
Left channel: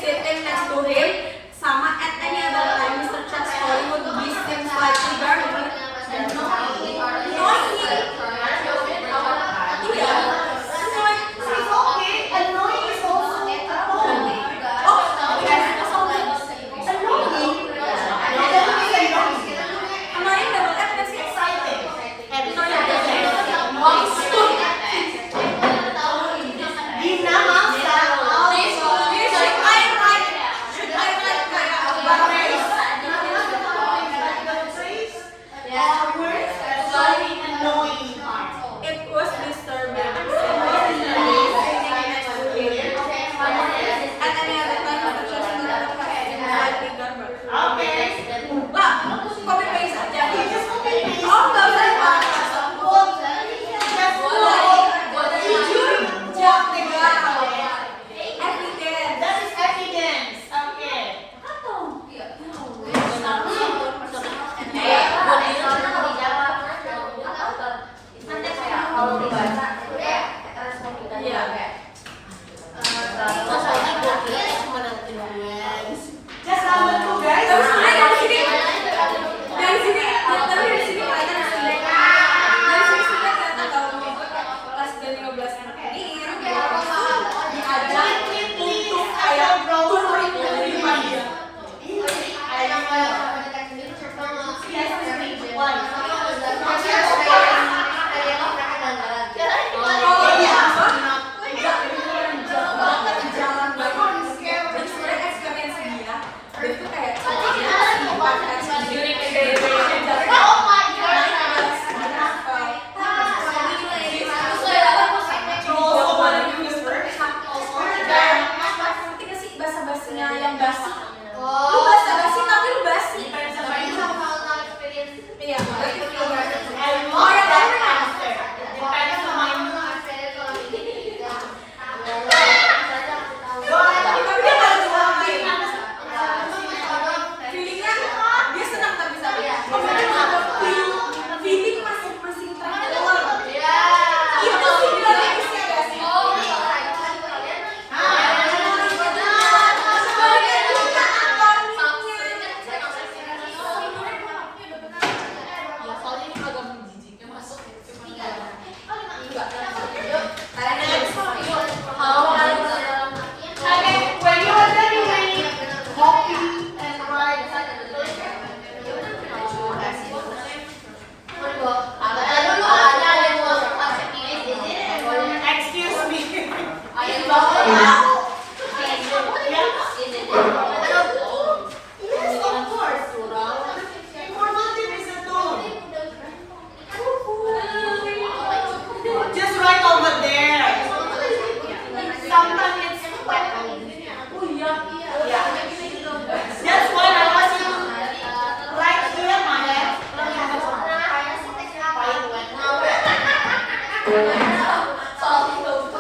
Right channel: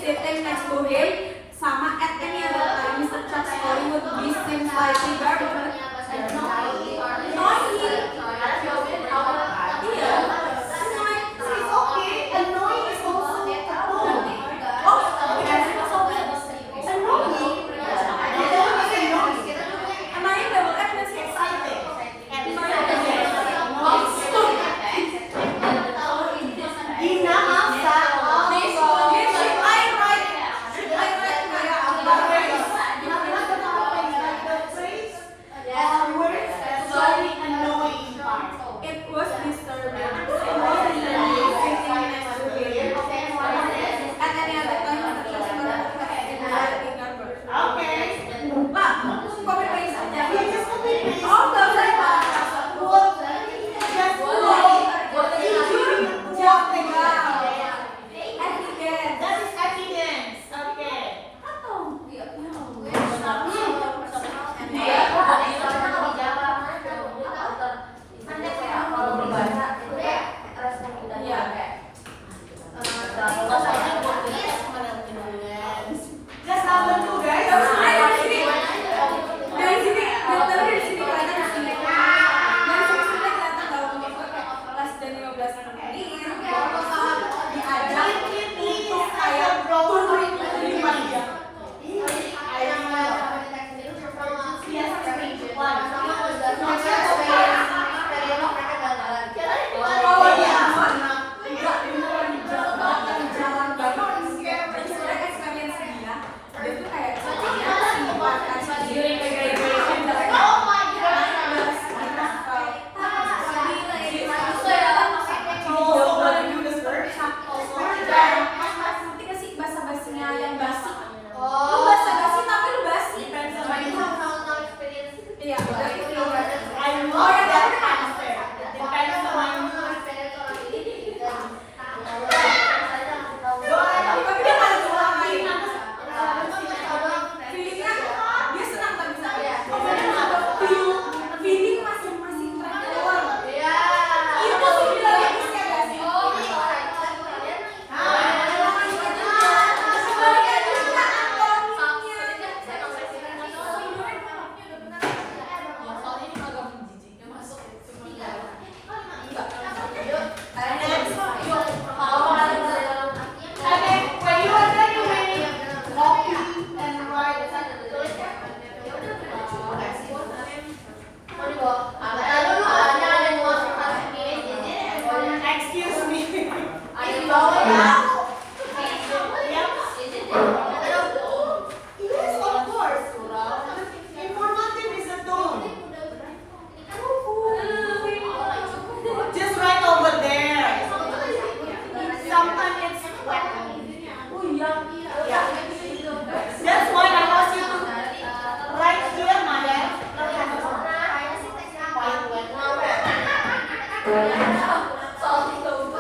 Salty tofu.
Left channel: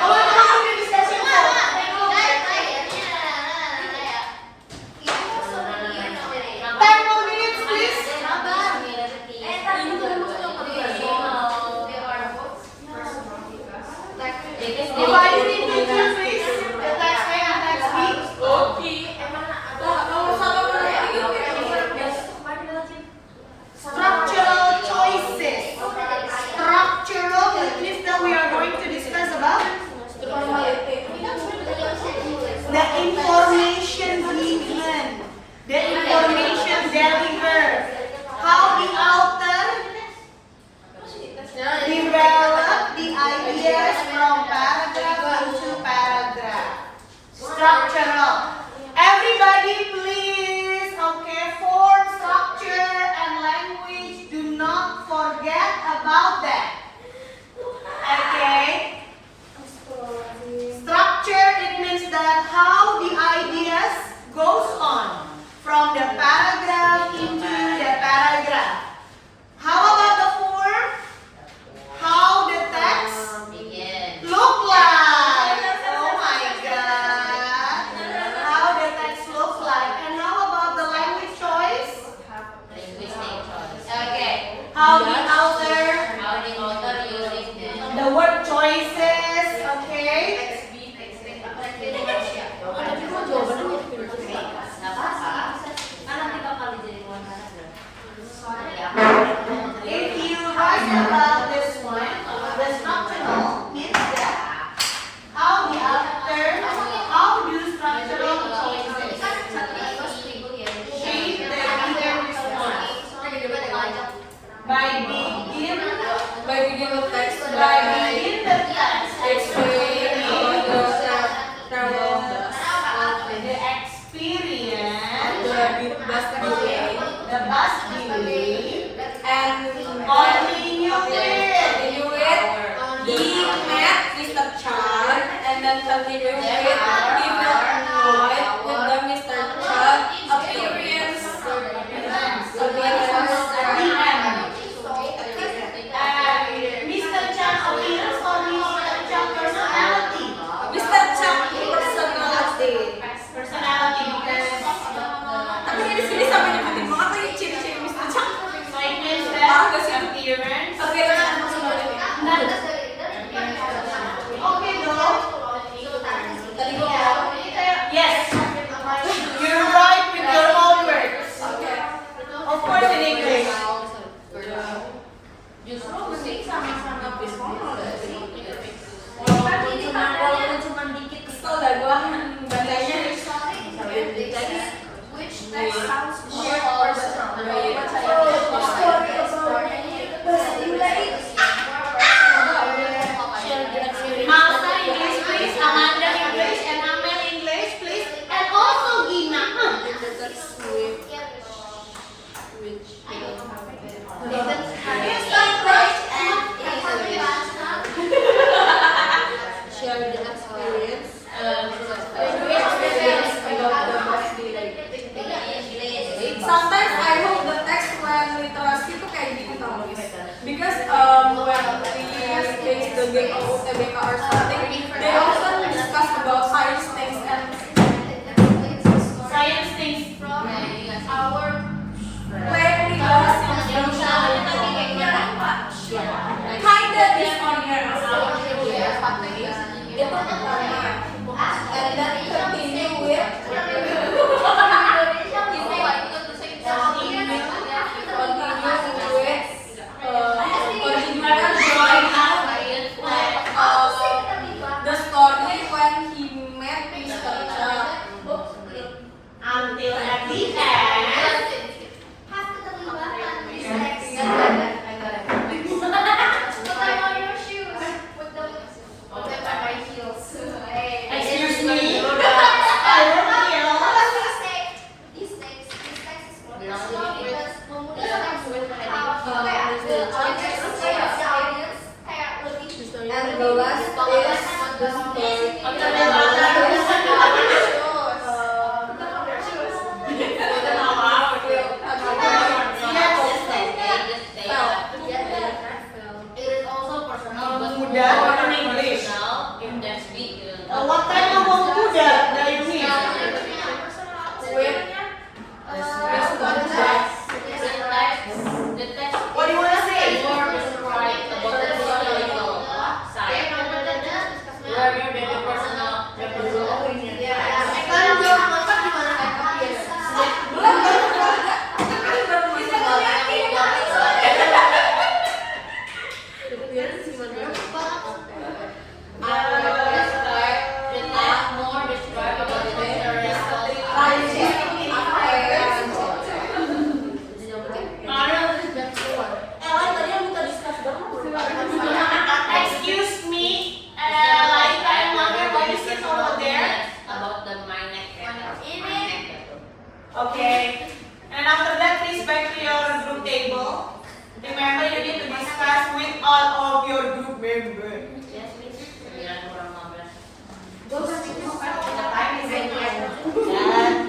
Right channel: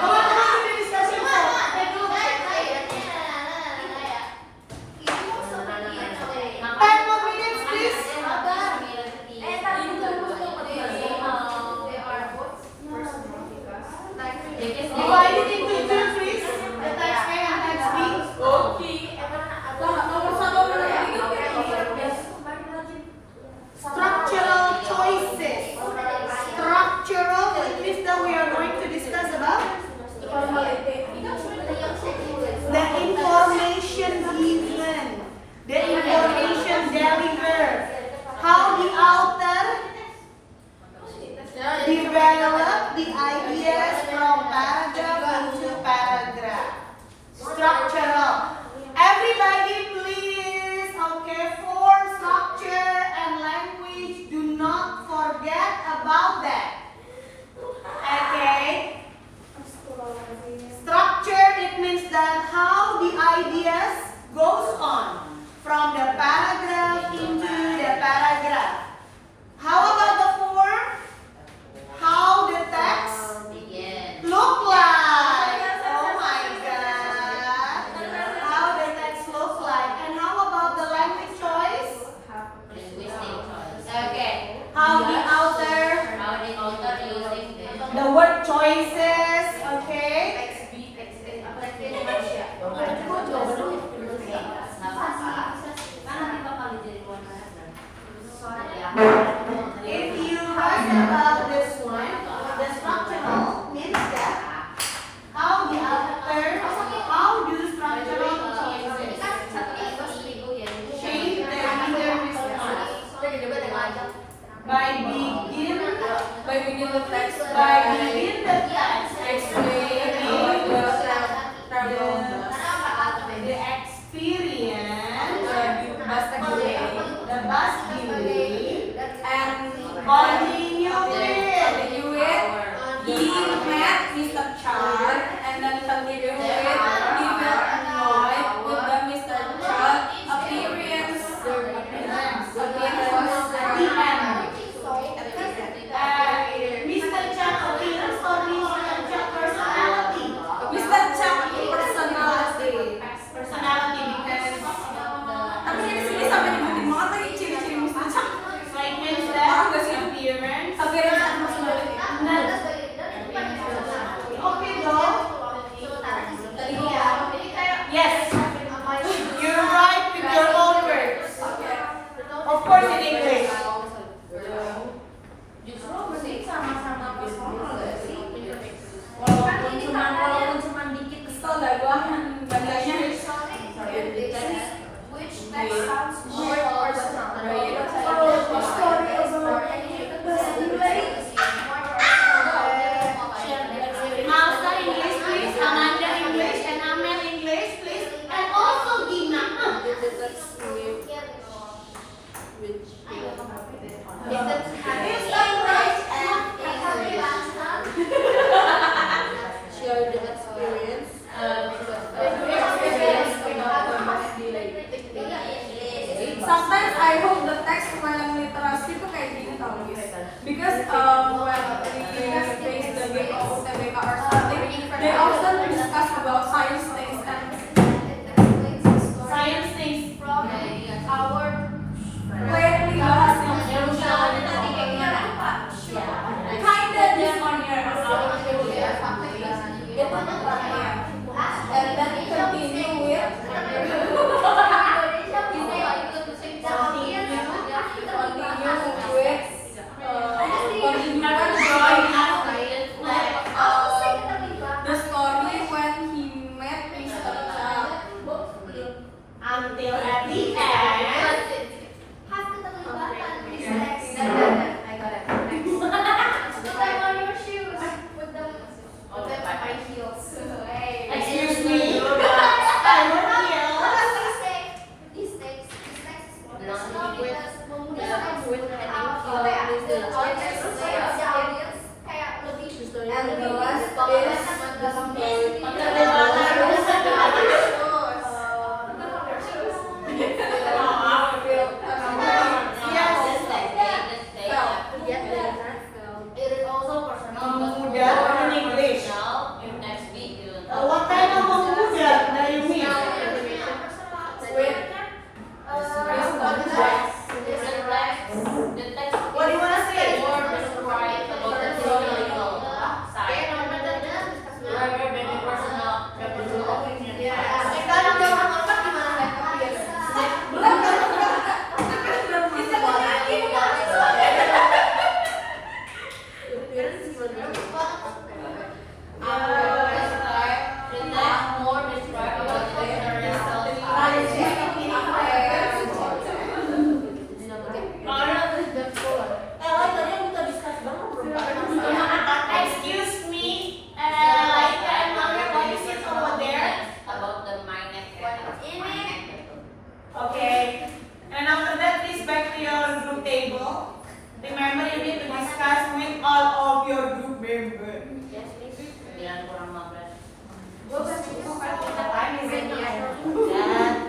Come on to the discussion board. Take a look. 10 more minutes, please. Why you need to choose, please? The text A and text B. Structural choices. Structural, which means that we are going to discuss about the information given, the information delivered, how the author develop the ideas from paragraph into paragraph. Structural. Everybody please, okay, form, structure and language, do not forget about that. Okay? Structure, it means that how the ideas goes on from the paragraph into the paragraph. How about the form? How the text look like? Oh my God! How the text look like? And how about the language choice? Okay. How the author, the word choices, okay? If you ask about this one, the structural means that how the author, how do structural choices shape the reader response? By begin the text, explaining the experience, the bus delay, And continue with. he met Mr. Chan and then continued with he felt annoyed with the Mr. Chan appearance. Mr. Chan appearance or Mr. Chan personality? Mr. Chan personality. Personality because Tapi di sini sampai nyebutin banget lagi ciri-ciri Mr. Chan. so it means that appearance. Oke, Okay, no. tadi gue Yes. You're right with your own words. Of course in English. Justru musik sama-sama personal gak sih? walaupun cuma dikit kesel dah gue bacanya. Which text sounds more Masa English please, Amanda English, and Amel English please, and also Gina. Share the experience. Sometimes I hope the text when literasi itu kayak gini tau guys. Because when we face the game of UTBK or something, they often discuss about science things and Science things. clearly bahas yang kinda dishonest. And then continue with the story when he met Mr. Chan. Until at the end. Excuse me. And the last is Bilang kurang 15. Time is in here.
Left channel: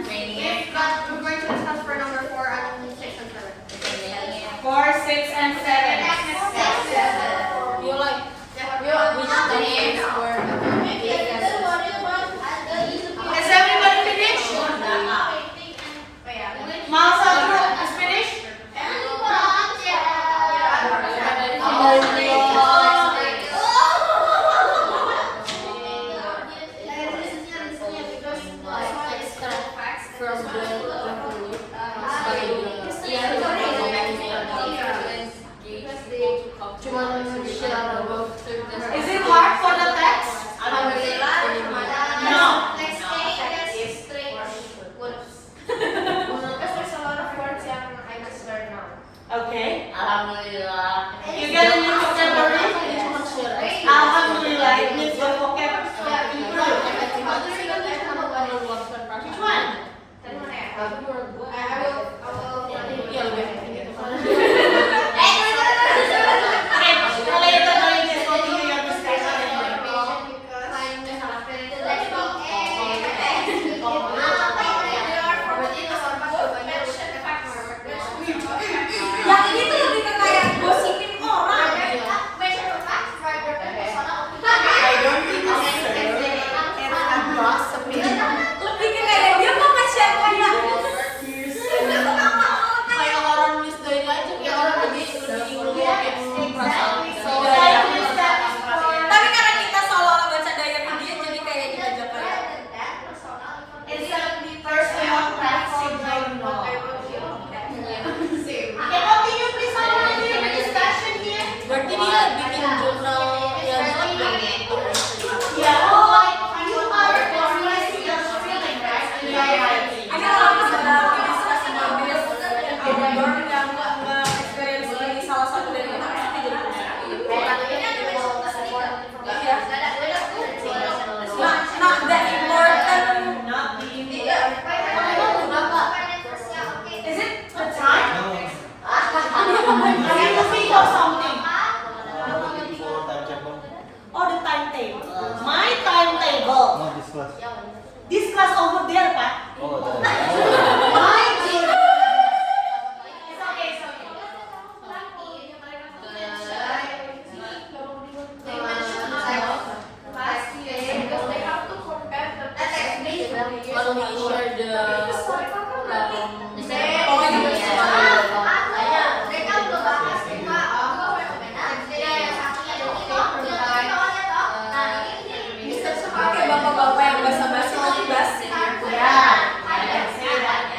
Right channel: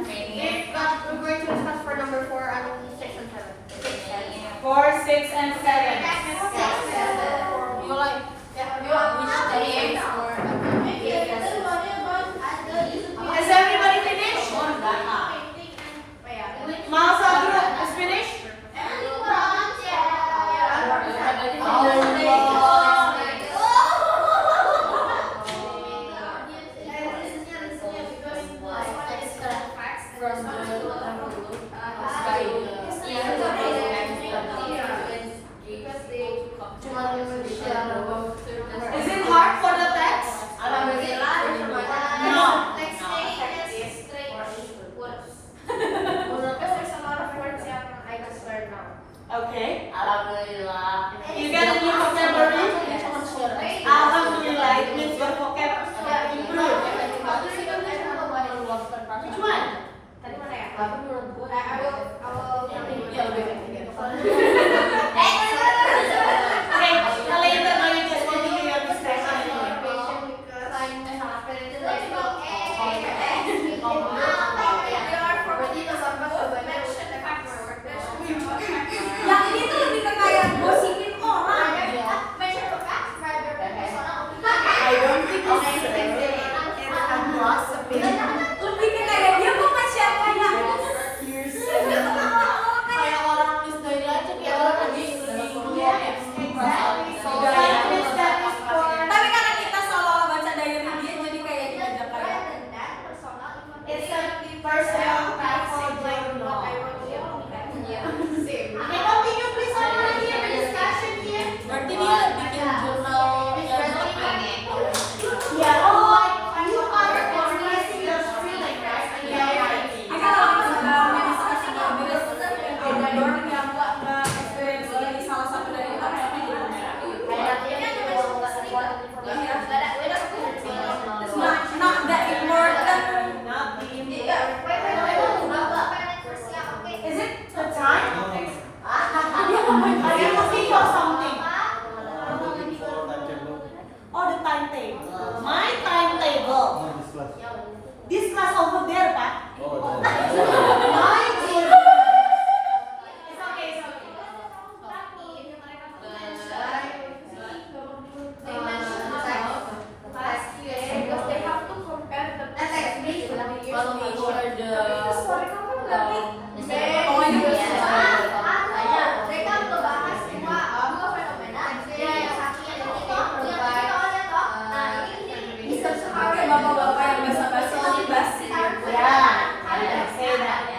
Mainnya. We're going to discuss for number 4 and 6 and 7. 4, 6, and 7. You like which days were Is everybody finished? Masa group is finished? from the by Is it hard for the text? No. Okay. Alhamdulillah. You get a new vocabulary? Alhamdulillah, it means your vocabulary improve. Which one? Okay, later on you just continue your discussion. Yang ini tuh lebih ke kayak gosipin orang. I don't think so. And gossiping. Lebih ke kayak dia mau nge-share kayak kayak orang nulis dari aja kayak orang lagi Exactly. So that is for. tapi karena kita seolah-olah baca diary dia jadi kayak diajak kayak It's a personal platform journal. Okay, continue please on your discussion here. berarti dia bikin jurnal yang Yeah, like you are expressing your feeling, right? And you are writing. ini kalau misalnya discussing habis Ecuador yang nggak experience lagi salah satu dari kita pasti jadi not that important. Not being. Is it the time? Are you think of something? Oh, the timetable. My timetable. This class over there, Pak. My timetable. It's okay, it's okay. kalau share the Kayak bapak-bapak yang basa-basi nanti basi. Yeah, I can say that.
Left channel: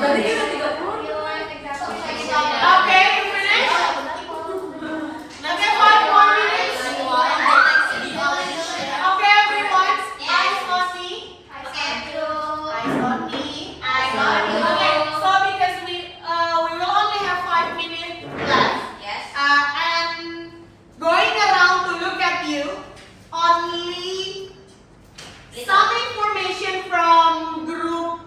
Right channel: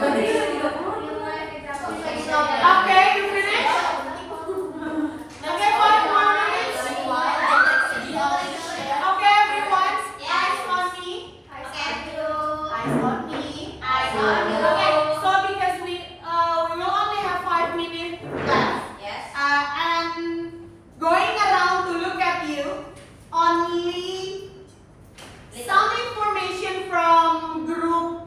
Berarti kita 30. Real life example. Okay, you finished? Okay, 5 more minutes. Okay, everyone, eyes on me. Eyes on me. Eyes on you. Okay, so because we will only have 5 minutes left. Yes. And going around to look at you, only some information from group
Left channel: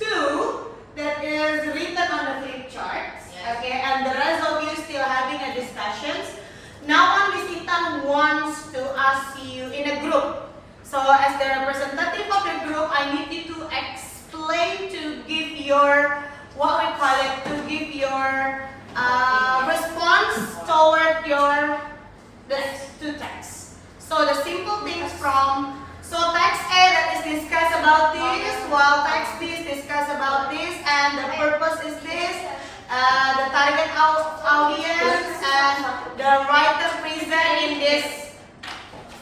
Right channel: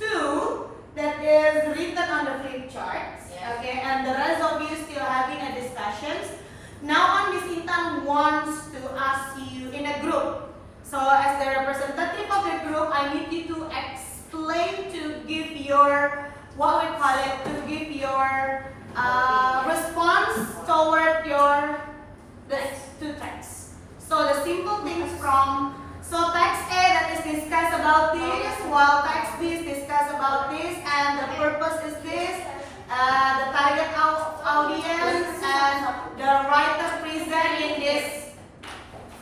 2 that is written on the flip charts. Yes. Okay, and the rest of you still having a discussions. Now on Miss Intan wants to ask you in a group. So as the representative of the group, I need you to explain, to give your, what we call it, to give your response toward your the two texts. So the simple things from, so text A that is discussed about this, while text B is discussed about this, and the purpose is this, the target audience, and the writer present in this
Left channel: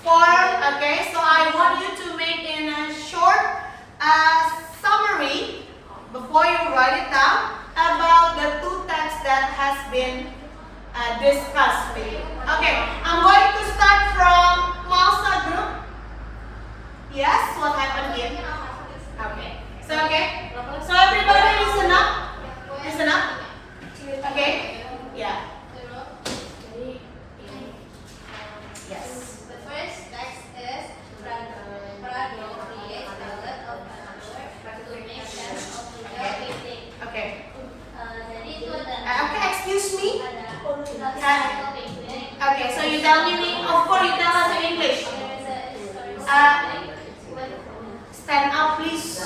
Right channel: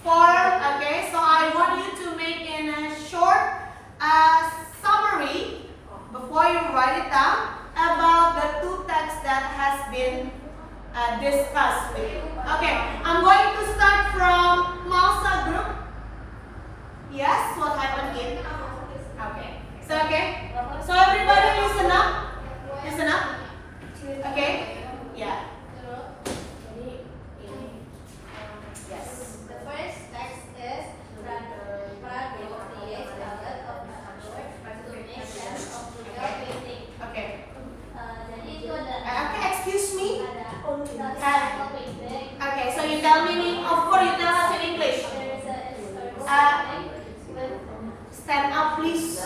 form. Okay, so I want you to make in a short summary before you write it down about the two texts that has been discussed with you. Okay, I'm going to start from Malsa group. Yes, what happened in? Okay, so everybody listen up. Listen up. Okay, yeah. Yes. The first text is Prado creates ballad of the number to make sense of the painting. Okay. Jadi itu ada Okay, excuse me. historical painting. Okay, so you tell me, of course you tell us in English. There is a historical Uh, painting with Stand up, please.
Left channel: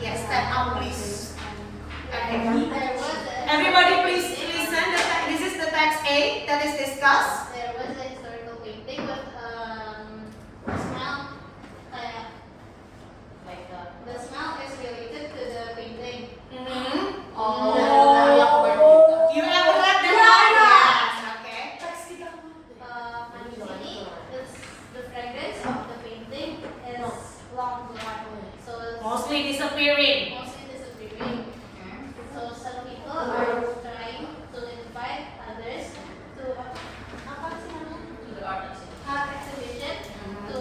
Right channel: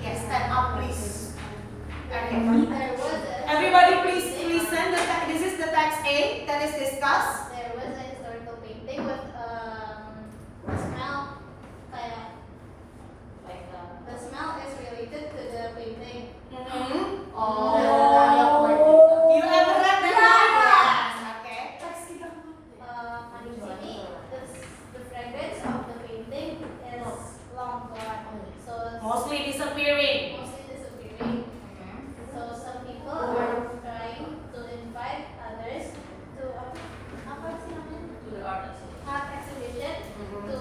Yes, stand up, please. Okay. there was a Everybody, please listen. This is the text A that is discussed. there was a historical painting with the smell the smell is related to the painting. Mm-hmm. Oh. You ever read that? Yes. Okay. Di sini the fragrance of the painting is long gone. So Mostly disappearing. mostly disappearing. So some people are trying to invite others to apa sih namanya? Art exhibition to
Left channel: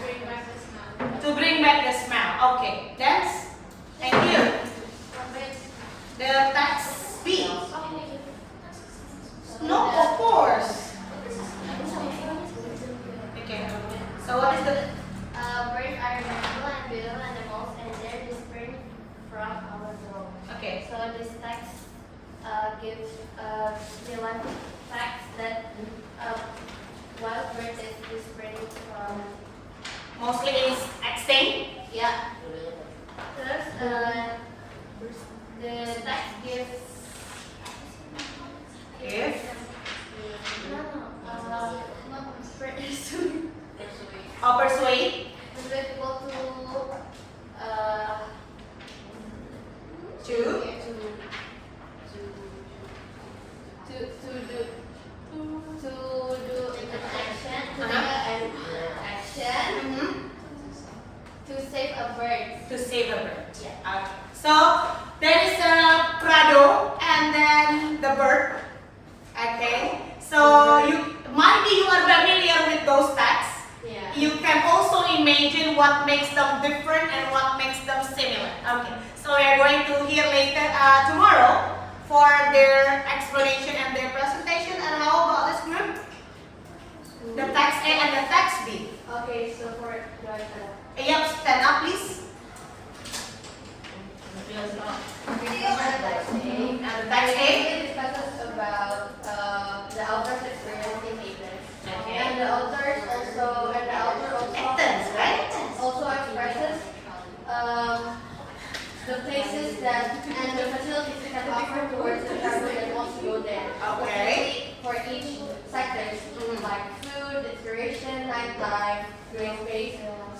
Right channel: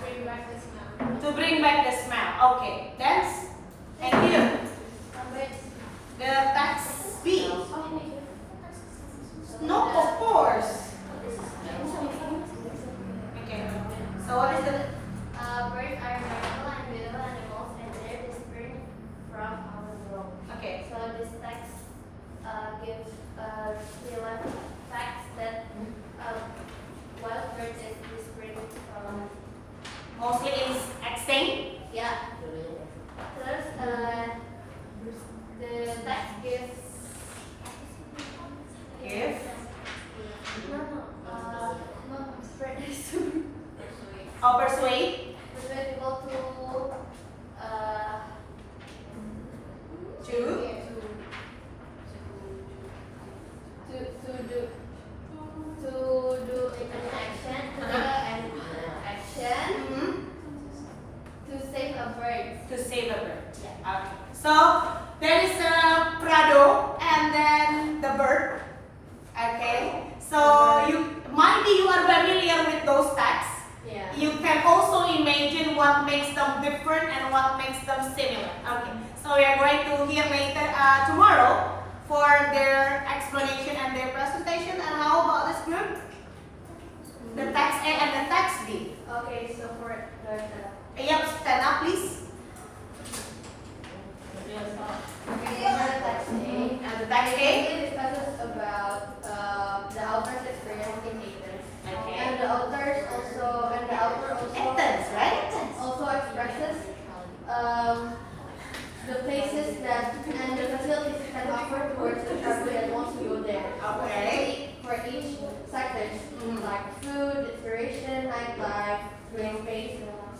bring back the smell. To bring back the smell. Okay. That's. Thank you. The text B. No, of course. Okay. So what is the? Birds are magical and beautiful animals, and they're whispering from our world. Okay. So this text gives real life facts that wild birds is whispering from. Mostly is extinct. Yeah. Terus the text gives. If. Or persuade. Persuade people To. to do an action, to take an action Mhm. to save a bird. To save a bird. Yeah. Okay. So there is a Prado and then the bird. Okay. So you might be you are familiar with those texts. Yeah. You can also imagine what makes them different and what makes them similar. Okay. So we are going to hear later tomorrow for their explanation and their presentation. And how about this group? The text A and the text B. Okay, so for Yep, stand up please. And the text A. It discusses about the author's experience in Athens. Okay. And the author also Athens, right? also expresses the places that and the facilities it can offer towards the traveler that wants to go there. Okay. For each sectors, like food, inspiration, nightlife, green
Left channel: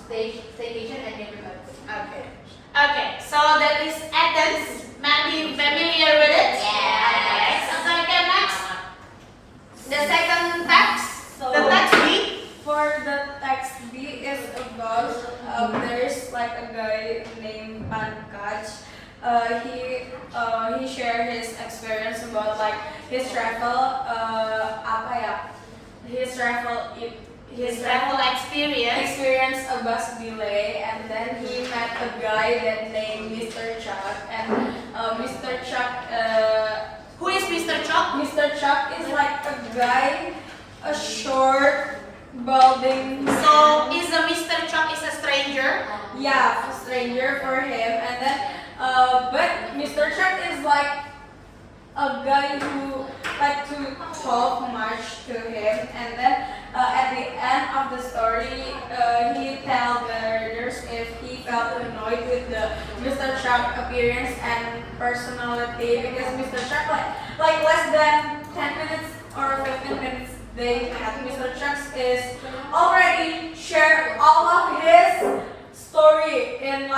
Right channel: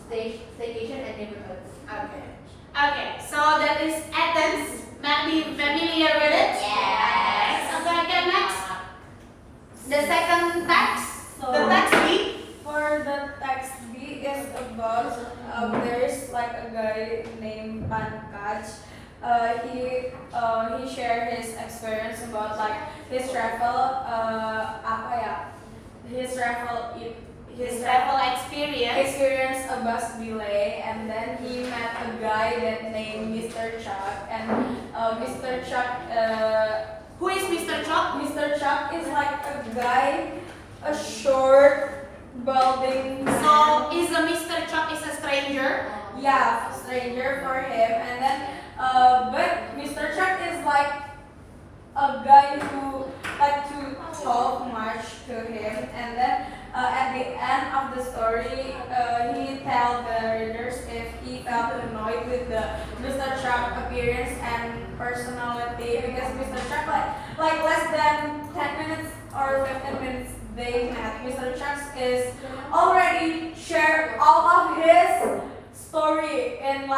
space, staycation, and neighborhoods. Okay. Okay, so that is Athens. Might be familiar with it? Yes. Okay, next. The second text. So The text B. for the text B is about there's like a guy named Pankaj. He shared his experience about like his travel apa ya? His travel experience a bus delay, and then he met a guy that named Mr. Chuck, and Mr. Chuck Who is Mr. Chok? Mr. Chuck is like a guy, a short, balding. So is a Mr. Chok is a stranger? Yeah, stranger for him, and then but Mr. Chuck is like a guy who like to talk much to him, and then at the end of the story, he tell the readers if he felt annoyed with the Mr. Chuck appearance and personality, because Mr. Chuck like less than 10 minutes or 15 minutes they met. Mr. Chuck is already shared all of his story in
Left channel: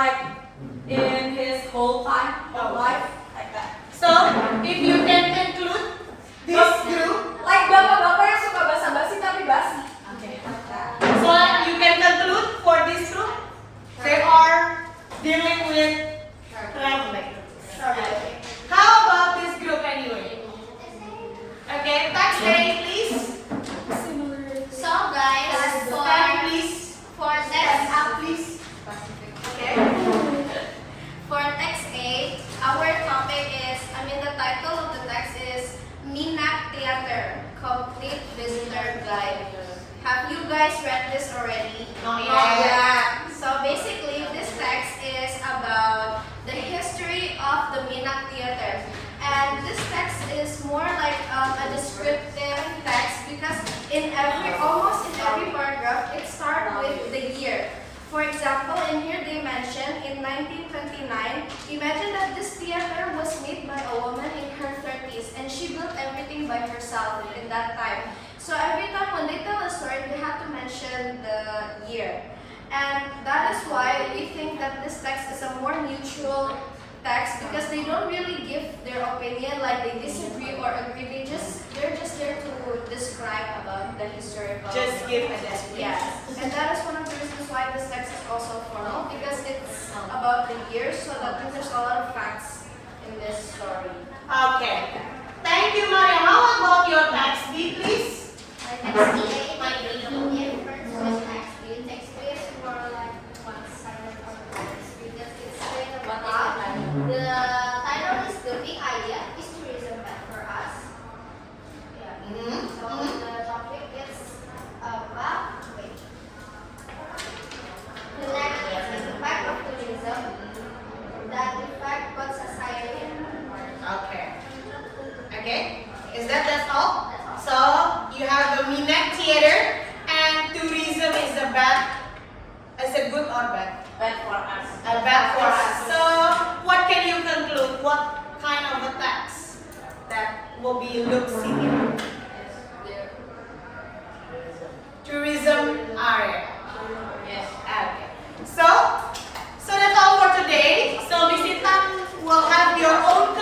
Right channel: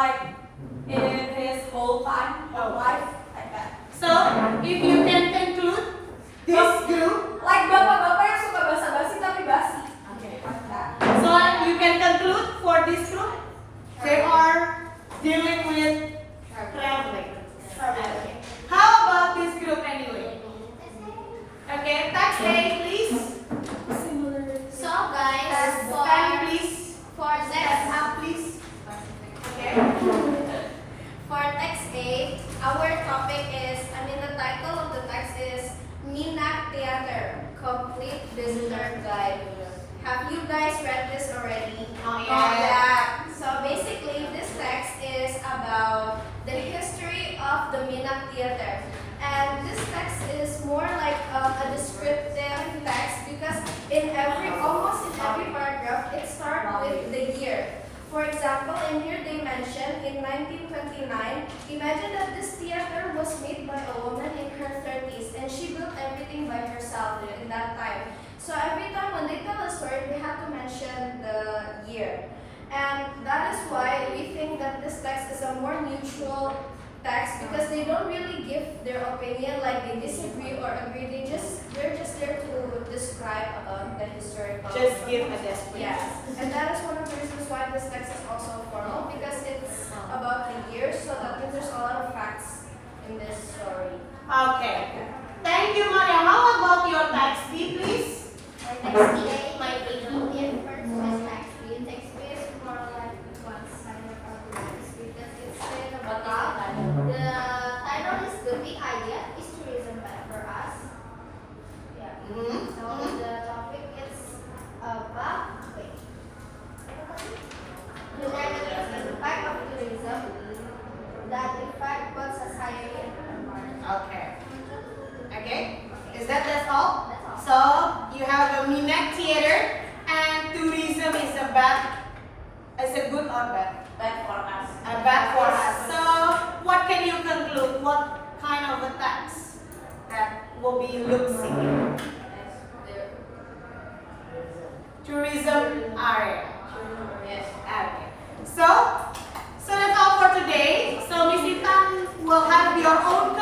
his whole time of life like that. So if you can conclude this group, Like bapak-bapak yang suka basa-basi tapi basi. so you can conclude for this group, they are dealing with traveling. How about this group anyway? Okay, text A please. So guys, Can you please? for Text text up please. Okay. for text A, our topic is, the title of the text is Minak Theater Complete Visitor Guide. Have you guys read this already? Oh, yeah. So basically, this text is about the history of the Minak Theater. And this text is more like a descriptive text because almost in every paragraph, it starts with the year. For example, in here they mention in 1929, imagine that this theater was made by a woman in her 30s and she built everything by herself in that time. So every time when they tell a story, they have to mention the year. And that is why we think that this text is a more neutral text because they don't really give their opinion, like they disagree or agree. They're just there to describe about the historical. Just give a description. Yes, and that is one of the reasons why this text is also formal because it's about the years, so that means there's a lot of facts in this story. Okay. Thank you, Maria. How about your text B, please? Text A, my opinion first with text B. Text B is more like one-sided because it's saying about the title is the big idea is tourism for us. Yeah. So the topic is about the negative impact of tourism that affect both society and environment. Okay. Okay. Is that's all? So you have the Minak Theater and tourism is a good or bad? Bad for us. Bad for us. So what can you conclude? What kind of a text that will be looks in tourism area? Yes. Okay. So that's all for today. So Miss Intan will have your own